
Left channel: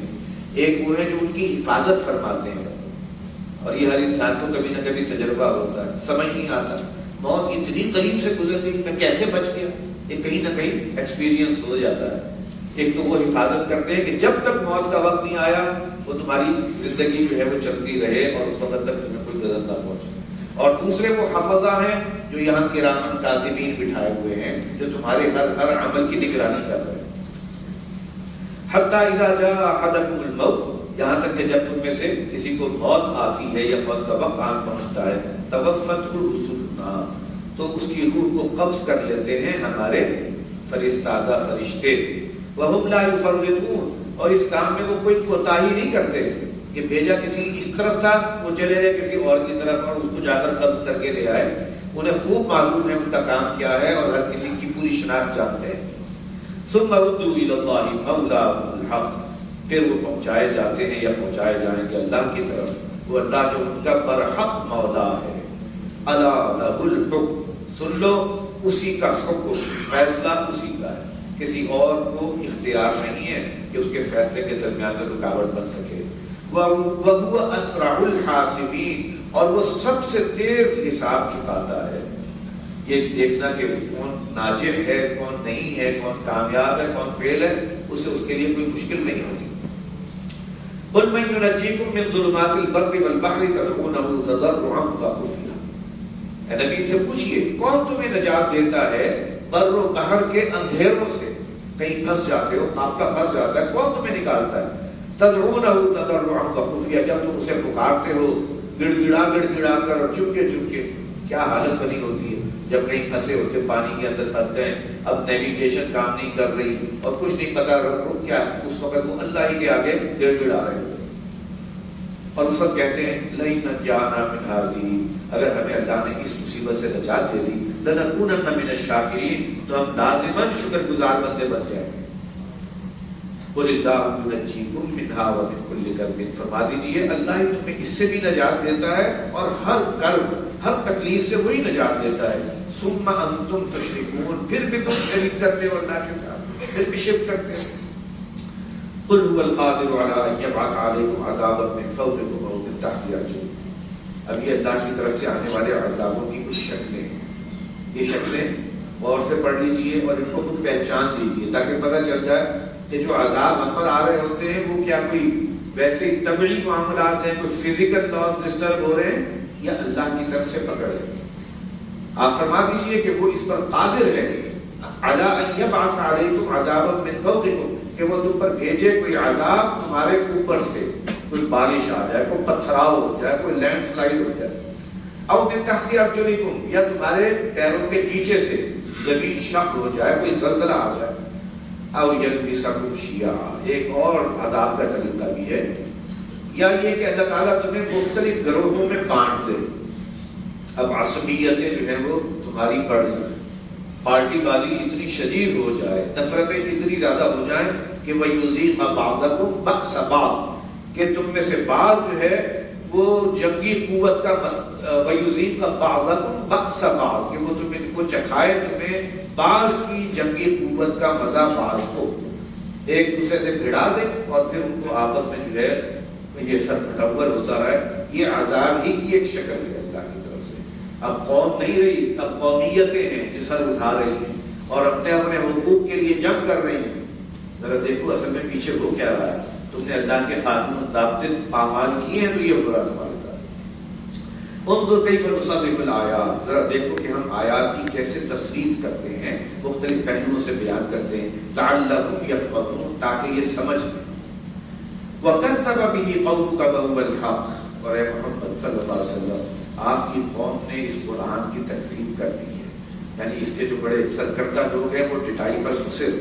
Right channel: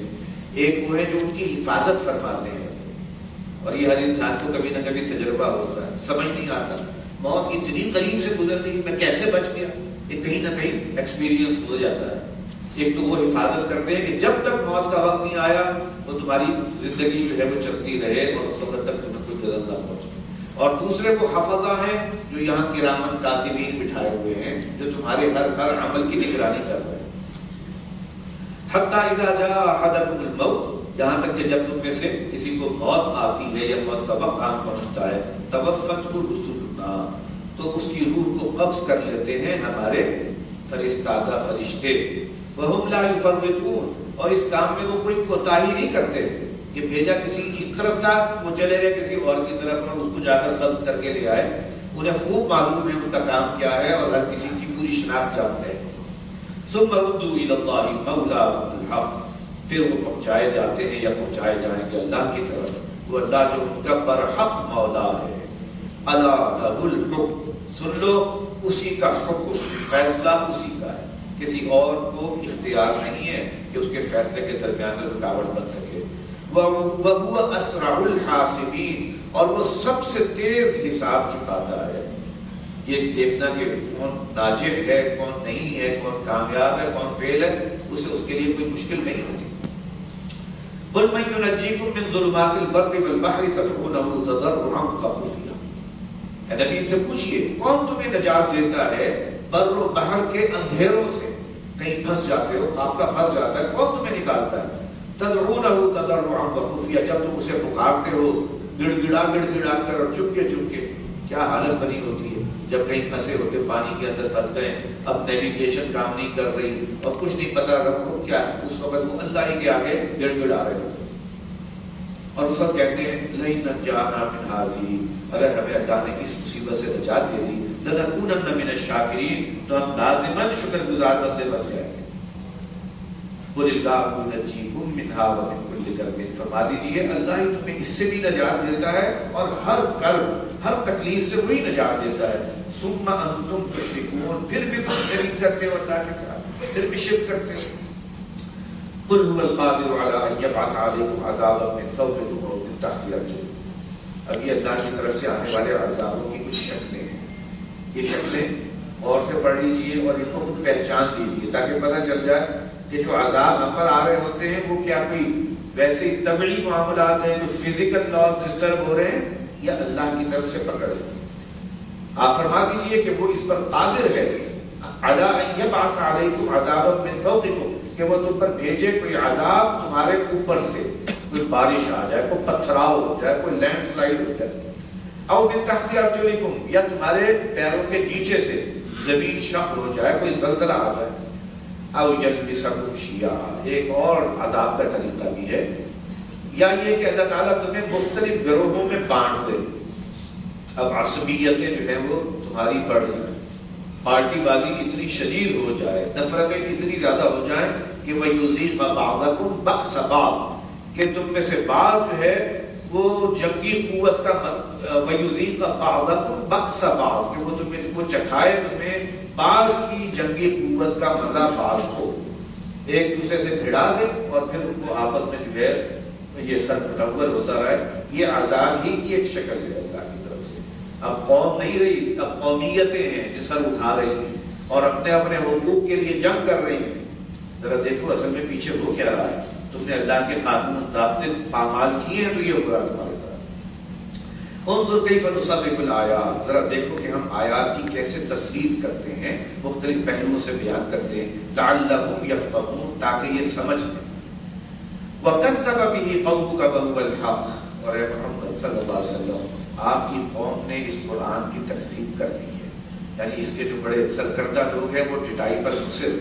ایک وہ ہے جو ان کی حفاظت فرماتے ہیں، اور یہ ہر انسان کو کبھی نہ کبھی تجربہ ہوتا ہے، سمجھ نہیں آتا موت اتنی قریب سے گزر گئی میں کیسے بچ گیا. یہ کہیں نہ کہیں ایکسپیرینس ہو جاتا ہے. ایک تو وہ حفاظت کرتے ہیں کہ جب تک موت کا وقت نہیں آیا تو تمہاری زندگی جو ہے وہ چلتی رہے اور اس وقت تک تمہیں کوئی غلط نہ پہنچے. اور دوسرے وہ حفظہ ہیں جو یہاں کرام کاتبین بٹھائے ہوئے ہیں، جو تمہارے ہر عمل کی نگرانی کر رہے ہیں. حتی اذا جاء احدکم الموت، یہاں تک کہ جب تم میں سے کسی کو موت آتی ہے یا موت کا وقت آن پہنچتا ہے، توفته رسلنا، تو اس کی روح کو قبض کر لیتے ہیں ہمارے فرستادہ فرشتے. وهم لا يفرطون، اور اس کام میں وہ کوئی کوتاہی نہیں کرتے کہ بھیجا کسی اس طرف تھا وہ چلے گئے کسی اور کی طرف اور اس کو جا کر قبض کر کے لے آئے. انہیں خوب معلوم ہے ان کا کام کیا ہے اور ہر کسی کی پوری شناخت جانتے ہیں. ثم ردوا الى الله مولاهم الحق، پھر وہ پہنچائے جاتے ہیں یا پہنچائے جائیں کہ اللہ کی طرف، وہ اللہ جو ان کا برحق مولا ہے. الا له الحکم، سن لو اسی کا حکم، فیصلہ اسی کا ہے، کسی اور کو اختیار نہیں ہے کہ اس کے فیصلے کے درمیان میں رکاوٹ بن سکے. وَهُوَ أَسْرَعُ الْحَاسِبِينَ، اور وہ سب سے تیز حساب چکاتا ہے. یہ دیکھنا کہ کون ناجح ہے کون نہیں ہے، کون کامیاب ہے کون فیل ہے، اسے اس کے لیے کوئی مشکل نہیں ہوتی. قُلْ مَن يُنَجِّيكُم مِّن ظُلُمَاتِ الْبَرِّ وَالْبَحْرِ تَدْعُونَهُ تَضَرُّعًا وَخُفْيًا. اے نبی سے پوچھئے کون تمہیں نجات دیتا ہے بر و بحر کے اندھیروں سے، کہیں پھنس جاتے ہو، قافلہ پھنس جاتا ہے، کون تمہیں نکالتا ہے. تدعونہ تضرعا وخفیا، جب تم اسے پکارتے ہو گڑ گڑا کر اور چپکے چپکے. کیا حالت بنی ہوتی ہے جب کہیں پھنسے ہوتے پانی کے اندر پھنس گئے، اب نیویگیشن کام نہیں کر رہی اور کچھ نہیں پتا رکھو کیا، اس وقت وہ اللہ ہی کے آگے گڑ گڑا رہے ہوتے اور اس وقت کہتے ہیں لئن نجانا من هذه، اگر ہمیں اللہ نے اس مصیبت سے نجات دے دی لنکونن من الشاکرین، تو ہم لازماً شکر گزار بندے بن جائیں گے۔ قل اللہ ینجیکم منها ومن کل کرب، فرما دیجیے اللہ ہی تمہیں اس سے بھی نجات دیتا ہے اور ہر کرب ہر تکلیف سے وہی نجات دیتا ہے۔ ثم انتم تشرکون، پھر بھی تم شریک کرتے ہو اللہ کے ساتھ، پھر بھی شرک کرتے ہو۔ قل هو القادر على ان يبعث عليكم عذابا من فوقكم او من تحت ارجلكم، اب یہ اللہ کی طرف سے آنے والے عذابوں کی کچھ شکلیں ہیں، یہ شکلیں غور سے پڑھ لیجیے اور ان کو خود پہچان لیجیے تاکہ پتہ چل جائے کہ جو عذاب ہم پر آ رہے ہوتے ہیں وہ کیا کوئی ویسے ہی طبعی معاملات ہیں، کوئی فزیکل لاز ڈسٹرب ہو رہے ہیں یا اللہ کی طرف سے پکڑ ہے۔ آپ فرما دیجیے کہ وہ اس پر قادر ہے علی ان یبعث علیکم عذابا من فوقکم، کہ وہ تم پر بھیجے کوئی عذاب تمہارے اوپر سے، کوئی بارش آ جائے، کوئی پتھراؤ ہو جائے، کوئی لینڈ سلائڈ ہو جائے، او من تحت ارجلکم، یا تمہارے پیروں کے نیچے سے زمین شق ہو جائے، کوئی زلزلہ آ جائے، او یلبسکم شیعا، ایک اور عذاب کا طریقہ بھی ہے، یا یہ کہ اللہ تعالیٰ تمہیں مختلف گروہوں میں بانٹ دے۔ اب عصبیتیں جو ہیں وہ تمہاری بڑھ جائیں، پارٹی والی اتنی شدید ہو جائے، نفرتیں اتنی زیادہ ہو جائیں کہ وَيُذِيقَ بَعْضَكُمْ بَأْسَ بَعْضٍ، کہ تم میں سے بعض جو ہے وہ جنگی قوت کا وَيُذِيقَ بَعْضَكُمْ بَأْسَ بَعْضٍ، کہ وہ تمہیں وہ چکھائے تمہیں بعض کی جنگی قوت کا مزہ بعض کو، ایک دوسرے سے بھڑا دے اور پھر ان کو آپس میں جو ہے یہ سر متول ہوتا رہے۔ یہ عذاب ہی کی ایک شکل ہے اللہ کی طرف سے۔ اب قوم نہیں رہی، اب قومیتیں ہیں جو سر اٹھا رہی ہیں اور اپنے اپنے حقوق کے لیے جنگ کر رہی ہیں۔ ذرا دیکھو اصل میں پیچھے ہو کیا رہا ہے، تم نے اللہ کے قانون ضابطے پامال کیے ہیں تو یہ ہو رہا تمہارے ساتھ۔ انظر کیف نصرف الآیات، ذرا دیکھو کہ ہم آیات کی کیسے تصریف کرتے ہیں، مختلف پہلوؤں سے بیان کرتے ہیں، لعلہم یفقہون، تاکہ یہ سمجھ لیں۔ وَكَذَّبَ بِهِ قَوْمُكَ وَهُوَ الْحَقُّ، اور اے محمد صلی اللہ علیہ وسلم آپ کی قوم نے اس قرآن کی تکذیب کر دی ہے، یعنی اس کے جو بڑے سرکردہ لوگ ہیں وہ ٹٹائی پر مصر۔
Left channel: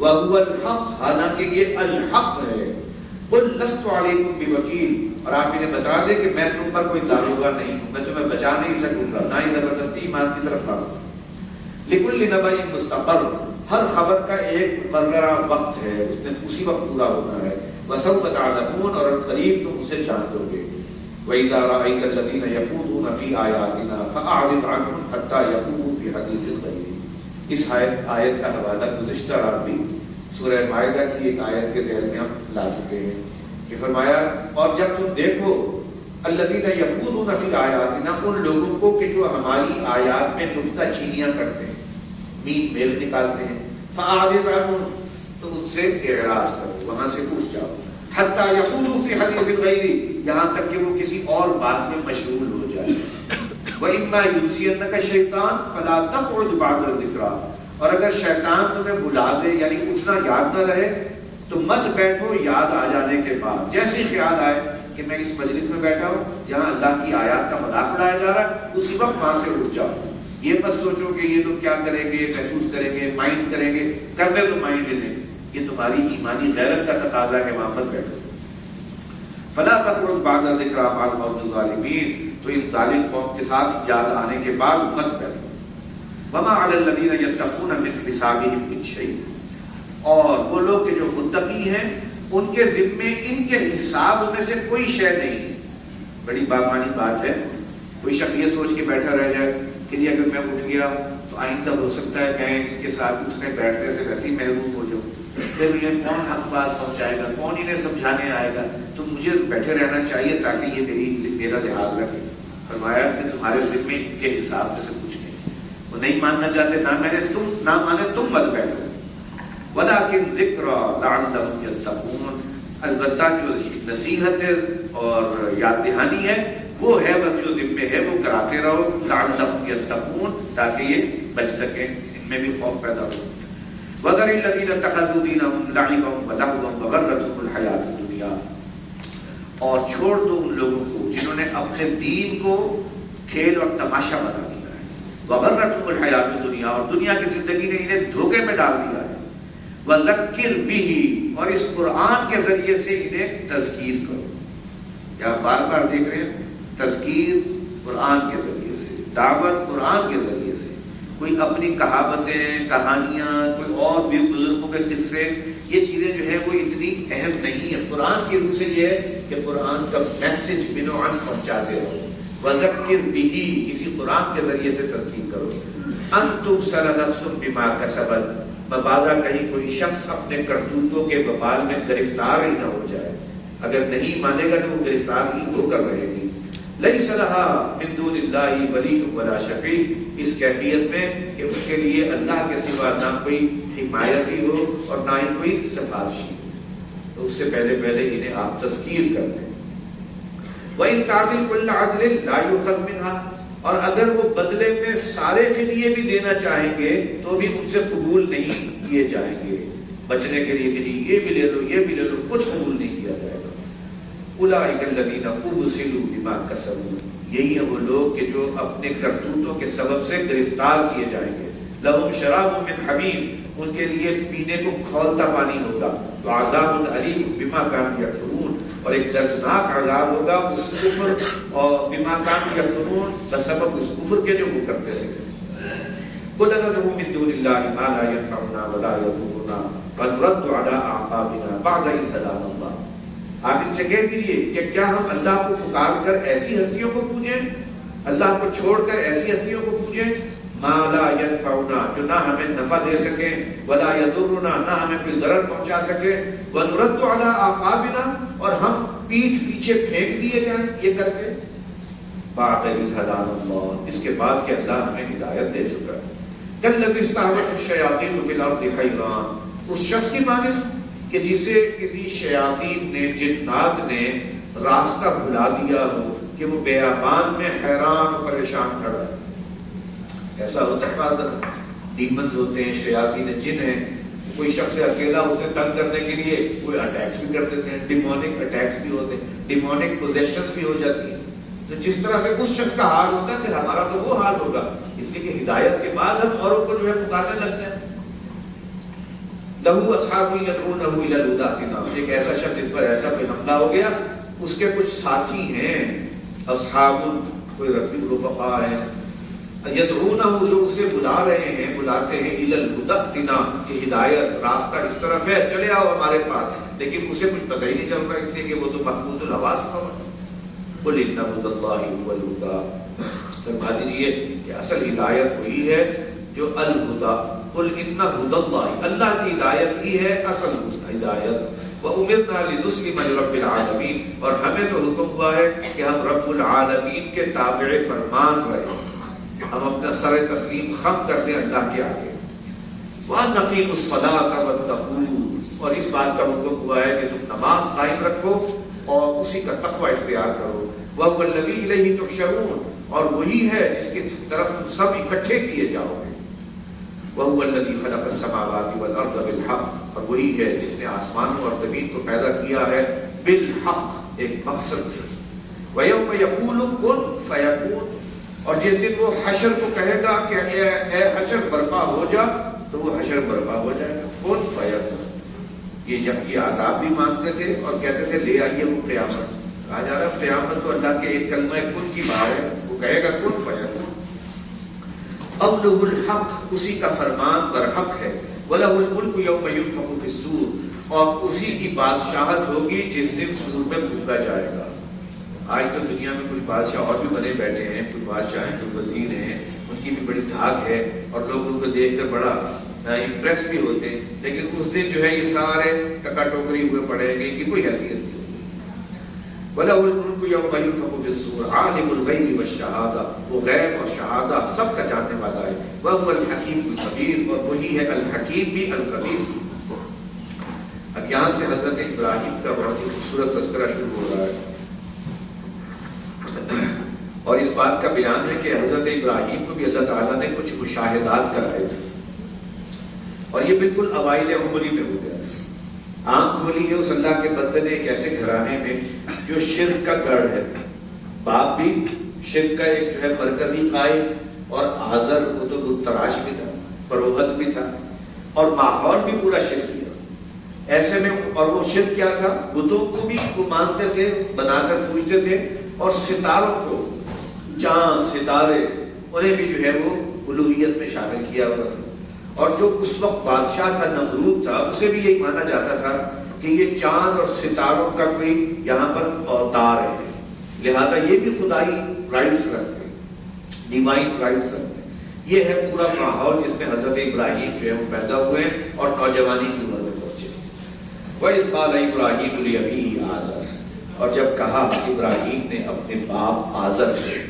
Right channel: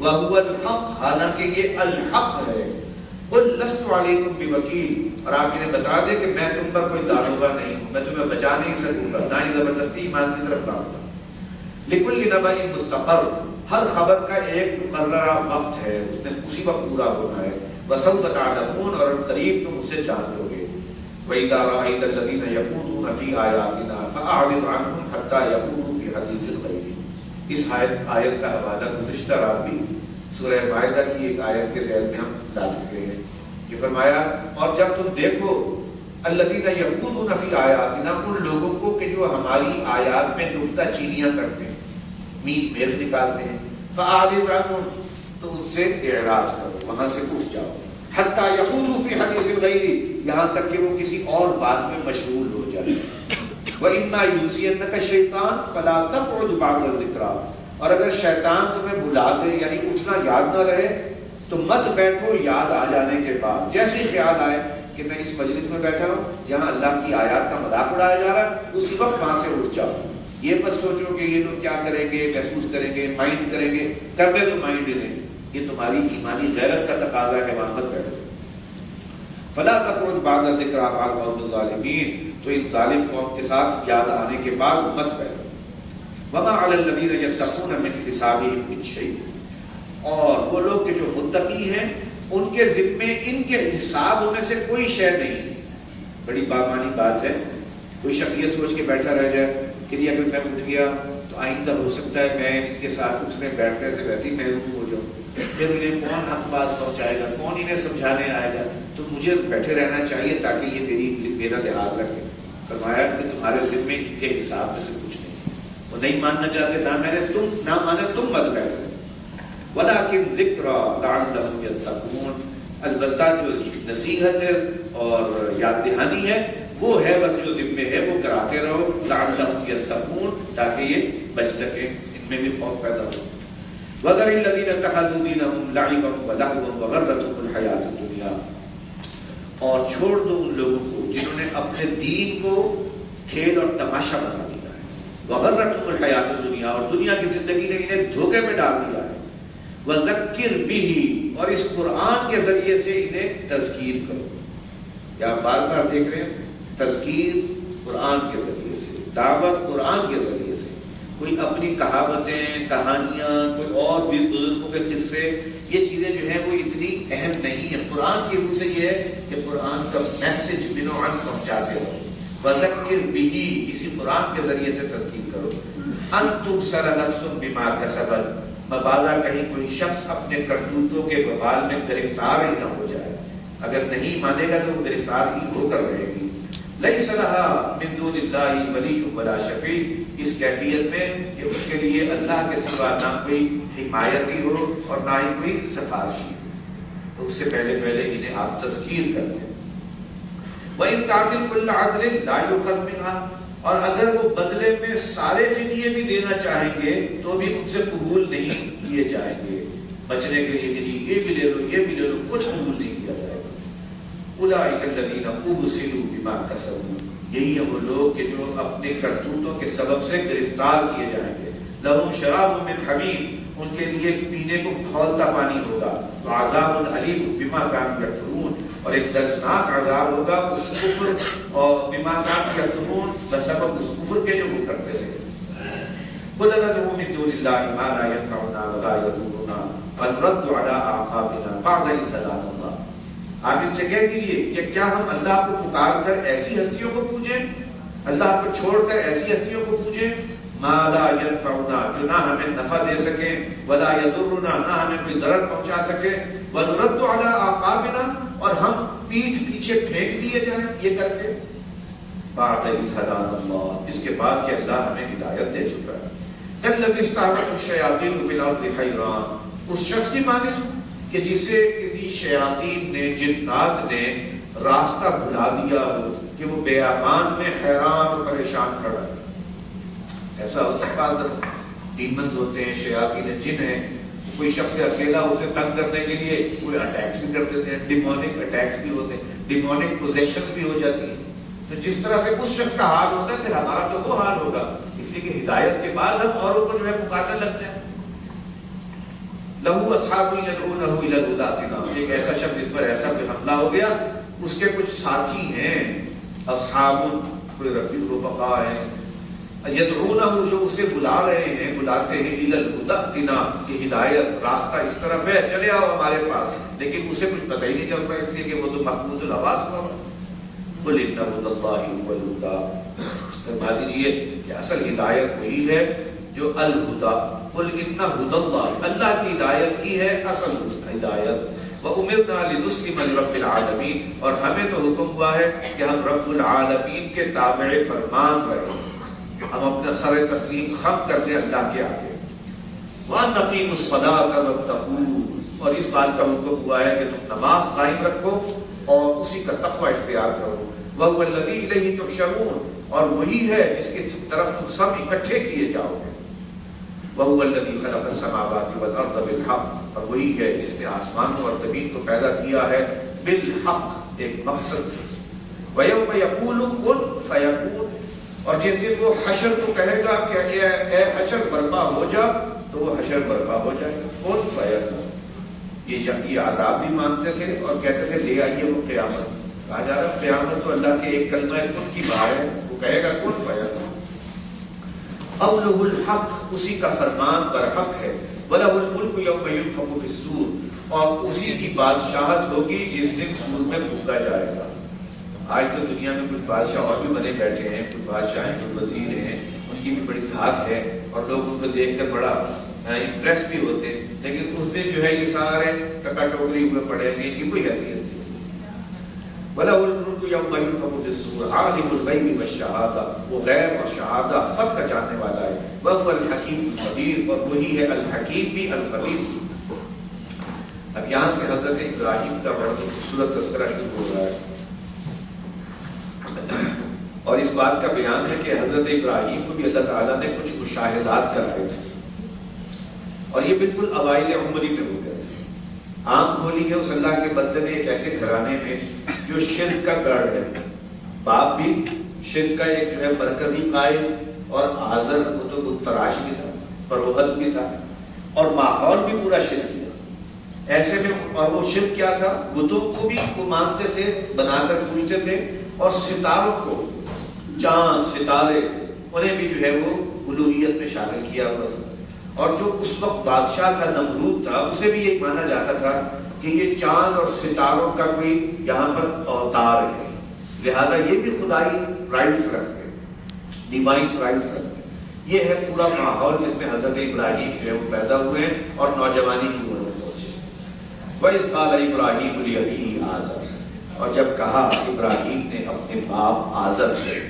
وَهُوَ الْحَقُّ، حالانکہ یہ الحق ہے۔ قُلْ لَسْتُ عَلَيْكُمْ بِوَكِيلٍ، اور آپ انہیں بتا دیں کہ میں تم پر کوئی داروغہ نہیں ہوں، میں تمہیں بچا نہیں سکوں گا، نہ ہی زبردستی ایمان کی طرف لاؤں گا۔ لِكُلِّ نَبَإٍ مُسْتَقَرٌّ، ہر خبر کا ایک مقررہ وقت ہے، اس نے اسی وقت پورا ہونا ہے۔ وَسَوْفَ تَعْلَمُونَ، اور قریب تم اسے جان لو گے۔ وَإِذَا رَأَيْتَ الَّذِينَ يَخُوضُونَ فِي آيَاتِنَا فَأَعْرِضْ عَنْهُمْ حَتَّى يَخُوضُوا فِي حَدِيثٍ غَيْرِهِ، اس آیت کا حوالہ گزشتہ رات بھی سورہ مائدہ کی ایک آیت کے ذیل میں ہم لا چکے ہیں کہ فرمایا اور جب تم دیکھو الَّذِينَ يَخُوضُونَ فِي آيَاتِنَا، ان لوگوں کو کہ جو ہماری آیات میں نکتہ چینیاں کرتے ہیں، میل میل نکالتے ہیں، فَأَعْرِضْ عَنْهُمْ، تو ان سے اعراض کرو، وہاں سے اٹھ جاؤ، حتیٰ یخوضوا فی حدیث غیرہ، یہاں تک کہ وہ کسی اور بات میں مشغول ہو جائے۔ وَإِمَّا يُنْسِيَنَّكَ الشَّيْطَانُ فَلَا تَقْعُدْ بَعْدَ الذِّكْرَىٰ، اور اگر شیطان تمہیں بلا دے یعنی اٹھنا یاد نہ رہے تو مت بیٹھو یاد آ جانے کے بعد، جیسے ہی خیال آئے کہ میں اس مجلس میں بیٹھا ہوں جہاں اللہ کی آیات کا مذاق اڑایا جا رہا ہے، اسی وقت وہاں سے اٹھ جاؤ۔ یہ مت سوچو کہ یہ لوگ کیا کریں گے، محسوس کریں گے، مائنڈ کریں گے، کرنے تو مائنڈ ہی نہیں، یہ تمہاری ایمانی غیرت کا تقاضا ہے کہ وہاں پر بیٹھو۔ فلا تقعد بعد الذکریٰ مع القوم الظالمین، تو ان ظالم قوم کے ساتھ یاد آنے کے بعد مت بیٹھو۔ وما علی الذین یتقون من حسابہم من شیء، اور وہ لوگ کہ جو متقی ہیں ان کے ذمے ان کے حساب میں سے کوئی شے نہیں۔ بڑی باغبانی بات ہے، کوئی شخص یہ سوچ کے بیٹھا رہ جائے کہ جی اگر میں اٹھ گیا تو آئندہ ہو سکتا ہے میں ان کے ساتھ اٹھنے بیٹھنے سے ویسے ہی محروم ہو جاؤں، پھر یہ کون حق بات پہنچائے گا، کون انہیں سمجھانے آئے گا، تو مجھے بیٹھے رہنا چاہیے تاکہ یہ میرا لحاظ رکھے۔ فرمایا کہ تمہارے ذمے ان کے حساب میں سے کچھ نہیں، وہ نہیں ماننا چاہتے، نہ مانے تم مت بیٹھو۔ ولیکن ذکریٰ لعلہم یتقون، البتہ جو نصیحت اور یاد دہانی ہے وہ ہے بس جو ذمے ہے وہ کراتے رہو، لعلہم یتقون، تاکہ یہ بچ سکیں، ان میں بھی خوف پیدا ہو۔ وَذَرِ الَّذِينَ اتَّخَذُوا دِينَهُمْ لَعِبًا وَلَهْوًا وَغَرَّتْهُمُ الْحَيَاةُ الدُّنْيَا، اور چھوڑ دو ان لوگوں کو جنہوں نے اپنے دین کو کھیل اور تماشا بنا دیا ہے۔ وغرتهم الحیات الدنیا، اور دنیا کی زندگی نے انہیں دھوکے میں ڈال دیا ہے، وذکر بہ، اور اس قرآن کے ذریعے سے انہیں تذکیر کرو. کیا بار بار دیکھ رہے ہیں؟ تذکیر قرآن کے ذریعے سے، دعوت قرآن کے ذریعے سے. کوئی اپنی کہاوتیں، کہانیاں، کوئی اور بھی بزرگوں کے قصے، یہ چیزیں جو ہیں وہ اتنی اہم نہیں ہیں. قرآن کی روح سے یہ ہے کہ قرآن کا میسج بنوان پہنچاتے ہو. وذکر بہ، اسی قرآن کے ذریعے سے تذکیر کرو. ان تبصر نفس بما کسبت، مبادا کہیں کوئی شخص اپنے کرتوتوں کے وبال میں گرفتار ہی نہ ہو جائے. اگر نہیں مانے گا تو وہ گرفتار ہی ہو کر رہے گی. لیس لہا من دون اللہ ولی ولا شفیع، اس کیفیت میں کہ اس کے لیے اللہ کے سوا نہ کوئی حمایتی ہو اور نہ ہی کوئی سفارشی. تو اس سے پہلے انہیں آپ تذکیر کر لیں. وَإِن تَعْدِلْ كُلَّ عَدْلٍ لَا يُؤْخَذْ مِنْهَا، اور اگر وہ بدلے میں سارے فدیے بھی دینا چاہیں گے تو بھی ان سے قبول نہیں کیے جائیں گے. بچنے کے لیے بھی یہ بھی لے لو، یہ بھی لے لو، کچھ قبول نہیں کیا جائے گا. اولئک الذین ابسلوا بما کسبوا، یہی ہے وہ لوگ کہ جو اپنے کرتوتوں کے سبب سے گرفتار کیے جائیں گے. لہم شراب من حمیم، ان کے لیے پینے کو کھولتا پانی ہوگا. وعذاب علیم بما کانوا یکفرون، اور ایک دردناک عذاب ہوگا اس کفر اور بما کانوا یکفرون، بسبب اس کفر کے جو وہ کرتے رہے. قل ندعو من دون اللہ ما لا ينفعنا ولا يضرنا فنرد على اعقابنا بعد اذ هدانا اللہ. آپ ان سے کہہ دیجیے کہ کیا ہم اللہ کو پکار کر ایسی ہستیوں کو پوجیں، اللہ کو چھوڑ کر ایسی ہستیوں کو پوجیں، ما لا ينفعنا، جو نہ ہمیں نفع دے سکیں، ولا يضرنا، نہ ہمیں کوئی ضرر پہنچا سکے، ونرد على اعقابنا، اور ہم پیٹھ پیچھے پھینک دیے جائیں یہ کر کے. بعد اذ ہدانا اللہ، اس کے بعد کہ اللہ ہمیں ہدایت دے چکا ہے. کالذی استہوته الشیاطین فی الارض حیران، اس شخص کی مانند کہ جسے کسی شیاطین نے، جنات نے راستہ بھلا دیا ہو کہ وہ بیابان میں حیران و پریشان کھڑا ہے. ایسا ہوتا ہے بعض ڈیمنز ہوتے ہیں، شیاطین جن ہیں، کوئی شخص اکیلا اسے تنگ کرنے کے لیے کوئی اٹیکس بھی کر دیتے ہیں، ڈیمونک اٹیکس بھی ہوتے ہیں، ڈیمونک پوزیشنز بھی ہو جاتی ہیں. تو جس طرح سے اس شخص کا حال ہوتا ہے پھر ہمارا تو وہ حال ہوگا. اس لیے کہ ہدایت کے بعد ہم اوروں کو جو ہے پکارنے لگتے ہیں. لہو اصحاب یدعونہ الی الہدی ائتنا، ایک ایسا شخص جس پر ایسا کوئی حملہ ہو گیا، اس کے کچھ ساتھی ہیں، اصحاب، کوئی رفیق رفقا ہیں، یدعونہ، جو اسے بلا رہے ہیں، بلاتے ہیں، الی الہدی ائتنا، کہ ہدایت راستہ اس طرف ہے، چلے آؤ ہمارے پاس. لیکن اسے کچھ پتہ ہی نہیں چلتا، اس لیے کہ وہ تو محمود الحواس پر. قل ان ھدی اللہ ھو الھدی، فرما دیجیے کہ اصل ہدایت وہی ہے جو الہدی. قل ان ھدی اللہ، اللہ کی ہدایت ہی ہے اصل ہدایت. وَأُمِرْنَا لِنُسْلِمَ لِرَبِّ الْعَالَمِينَ، اور ہمیں تو حکم ہوا ہے کہ ہم رب العالمین کے تابع فرمان رہیں، ہم اپنا سر تسلیم خم کر دیں اللہ کے آگے. وَأَنْ نَقِيمُ الصَّلَاةَ وَاتَّقُوهُ، اور اس بات کا حکم ہوا ہے کہ تم نماز قائم رکھو اور اسی کا تقوی اختیار کرو. وَهُوَ الَّذِي إِلَيْهِ تُحْشَرُونَ، اور وہی ہے جس کی طرف تم سب اکٹھے کیے جاؤ گے. وَهُوَ الَّذِي خَلَقَ السَّمَاوَاتِ وَالْأَرْضَ بِالْحَقِّ، اور وہی ہے جس نے آسمانوں اور زمین کو پیدا کیا ہے بالحق، ایک مقصد سے. وَيَوْمَ يَقُولُ كُن فَيَكُونُ، اور جس دن وہ حشر کو کہے گا کہ اے حشر برپا ہو جا، تو وہ حشر برپا ہو جائے گا. کن فیکون، یہ جب یہ آداب بھی مانتے تھے اور کہتے تھے لے آئیے وہ قیامت. کہا جا رہا ہے قیامت تو اللہ کے ایک کلمہ کن کی بہار ہے، وہ کہے گا کن فیکون. قولہ الحق، اسی کا فرمان برحق ہے. وَلَهُ الْمُلْكُ يَوْمَ يُنفَخُ فِي الصُّورِ، اور اسی کی بادشاہت ہوگی جس دن سور میں پھونکا جائے گا. آج تو دنیا میں کچھ بادشاہ اور بھی بنے بیٹھے ہیں، کچھ بادشاہ ہیں، کچھ وزیر ہیں، ان کی بھی بڑی دھاک ہے اور لوگ ان کو دیکھ کر بڑا امپریس بھی ہوتے ہیں. لیکن اس دن جو ہے یہ سارے ککا ٹوکری ہوئے پڑیں گے، ان کی کوئی حیثیت نہیں. وَلَهُ الْمُلْكُ يَوْمَ يُنفَخُ فِي الصُّورِ عَالِمُ الْغَيْبِ وَالشَّهَادَةِ، وہ غیب اور شہادہ سب کا جاننے والا ہے. وَهُوَ الْحَكِيمُ الْخَبِيرُ، اور وہی ہے الحکیم بھی الخبیر بھی. اب یہاں سے حضرت ابراہیم کا بہت ہی خوبصورت تذکرہ شروع ہو رہا ہے، اور اس بات کا بیان ہے کہ حضرت ابراہیم کو بھی اللہ تعالیٰ نے کچھ مشاہدات کرائے تھے، اور یہ بالکل اوائل عمری میں ہو گیا تھا. آنکھ کھولی ہے اس اللہ کے بندے نے ایک ایسے گھرانے میں جو شرک کا گڑھ ہے. باپ بھی شرک کا ایک جو ہے مرکزی قائد، اور آزر وہ تو بت تراش بھی تھا، فروخت بھی تھا، اور ماحول بھی پورا شرک کیا۔ ایسے میں اور وہ شرک کیا تھا؟ بتوں کو بھی وہ مانتے تھے، بنا کر پوجتے تھے، اور ستاروں کو، چاند ستارے انہیں بھی جو ہے وہ الوہیت میں شامل کیا ہوا تھا۔ اور جو اس وقت بادشاہ تھا نمرود تھا، اسے بھی یہی مانا جاتا تھا کہ یہ چاند اور ستاروں کا کوئی یہاں پر اوتار ہے، لہذا یہ بھی خدائی رائٹس رکھتے ہیں، ڈیوائن رائٹس رکھتے ہیں۔ یہ ہے پورا ماحول جس میں حضرت ابراہیم جو ہے وہ پیدا ہوئے اور نوجوانی کی عمر میں پہنچے۔ وَإِذْ قَالَ إِبْرَاهِيمُ لِأَبِيهِ آزَرَ، اور جب کہا ابراہیم نے اپنے باپ آزر سے،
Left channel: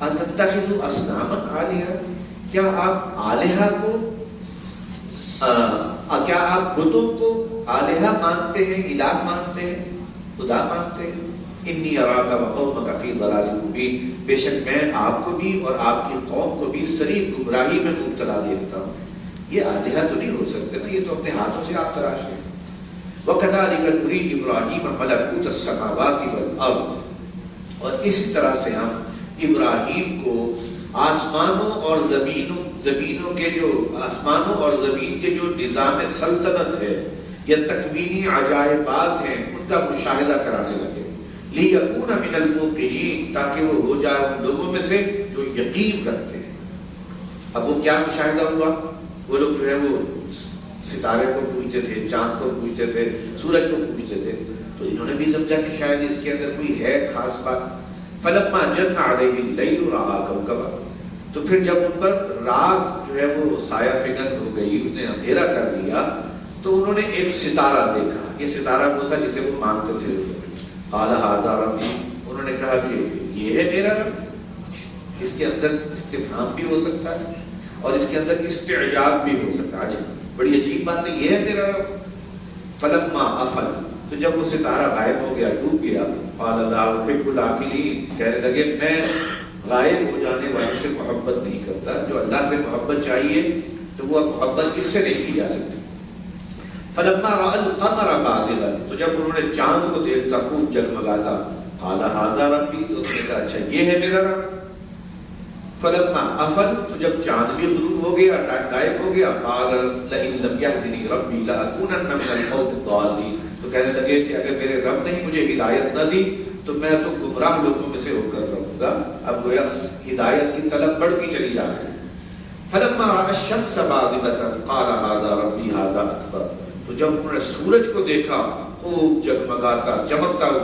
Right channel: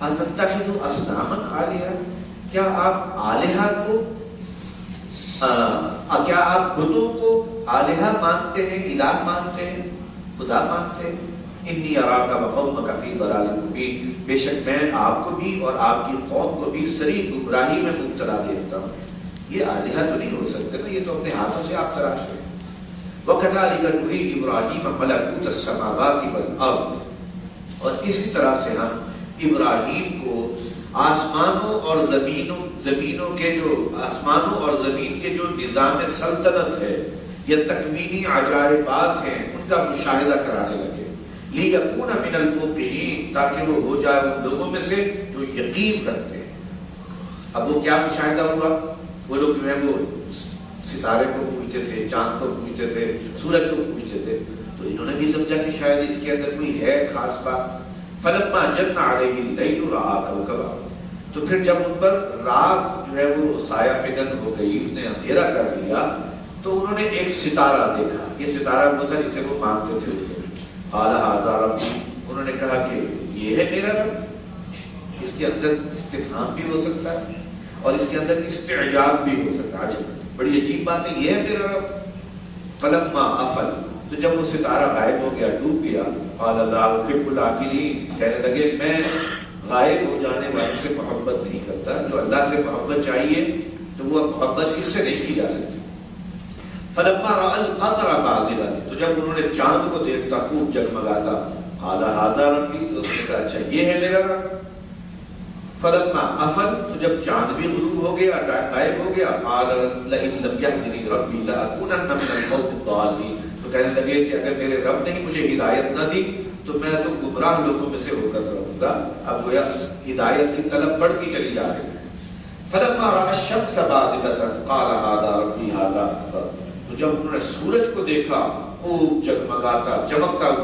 أَتَتَّخِذُ أَصْنَامًا آلِهَةً، کیا آپ آلہہ کو کیا آپ بتوں کو آلہہ مانتے ہیں، الہ مانتے ہیں، خدا مانتے ہیں؟ انی اراک وقومک فی ضلال مبین، بے شک میں آپ کو بھی اور آپ کی قوم کو بھی صریح گمراہی میں مبتلا دیکھتا ہوں۔ یہ آلہہ تو نہیں ہو سکتے نا، یہ تو اپنے ہاتھوں سے آپ تراش ہیں۔ وَكَذَلِكَ نُرِي إِبْرَاهِيمَ مَلَكُوتَ السَّمَاوَاتِ وَالْأَرْضِ، اور اسی طرح سے ہم ابراہیم کو آسمانوں اور زمینوں کے جو آسمانوں اور زمین کے جو نظام سلطنت ہے یا تکوینی عجائبات ہیں ان کا مشاہدہ کرانے لگے، لِيَكُونَ مِنَ الْمُوقِنِينَ، تاکہ وہ ہو جائے ان لوگوں میں سے جو یقین رکھتے ہیں۔ اب وہ کیا مشاہدہ ہوا؟ وہ لوگ جو ہے وہ ستارے کو پوجتے تھے، چاند کو پوجتے تھے، سورج کو پوجتے تھے، تو انہوں نے بھی سمجھا کہ شاید اس کے اندر کوئی ہے خاص بات۔ فَلَمَّا جَنَّ عَلَيْهِ اللَّيْلُ رَأَىٰ كَوْكَبًا، تو پھر جب ان پر رات جو ہے وہ سایہ فگن ہو گئی، اس نے اندھیرا کر لیا، تو انہوں نے ایک ستارہ دیکھا۔ یہ ستارہ وہ تھا جسے وہ مانتے تھے۔ قَالَ هَٰذَا رَبِّي، انہوں نے کہا کہ یہ ہے میرا رب۔ اس کے اندر استفہام بھی ہو سکتا ہے اور اس کے اندر استعجاب بھی ہو سکتا ہے۔ عجب، بڑی عجیب بات ہے، یہ ہے میرا رب۔ فَلَمَّا أَفَلَ، تو جب وہ ستارہ غائب ہو گیا، ڈوب گیا، قَالَ لَا أُحِبُّ الْآفِلِينَ، کہنے لگے میں غائب ہو جانے والے سے محبت نہیں کرتا، جو اللہ سے محبت چاہیے تو وہ محبت اس سے نہیں کی جا سکتی۔ فَلَمَّا رَأَى الْقَمَرَ بَازِغًا، تو جب انہوں نے چاند کو دیکھتا خوب جگمگاتا، قَالَ هَٰذَا رَبِّي، تو انہوں نے کہا اچھا یہ ہے میرا رب۔ فَلَمَّا أَفَلَ، تو جب چاند بھی غروب ہو گیا، غائب ہو گیا، قَالَ لَئِن لَّمْ يَهْدِنِي رَبِّي لَأَكُونَنَّ مِنَ الْقَوْمِ الضَّالِّينَ، تو کہنے لگے کہ اگر میرے رب نے مجھے ہدایت نہ دی تو میں تو گمراہ لوگوں میں سے ہو کر رہوں گا۔ اب گویا ہدایت کی طلب بڑھتی چلی جا رہی ہے۔ فَلَمَّا رَأَى الشَّمْسَ بَازِغَةً قَالَ هَٰذَا رَبِّي هَٰذَا أَكْبَرُ، تو جب انہوں نے سورج کو دیکھا خوب جگمگاتا چمکتا ہوا،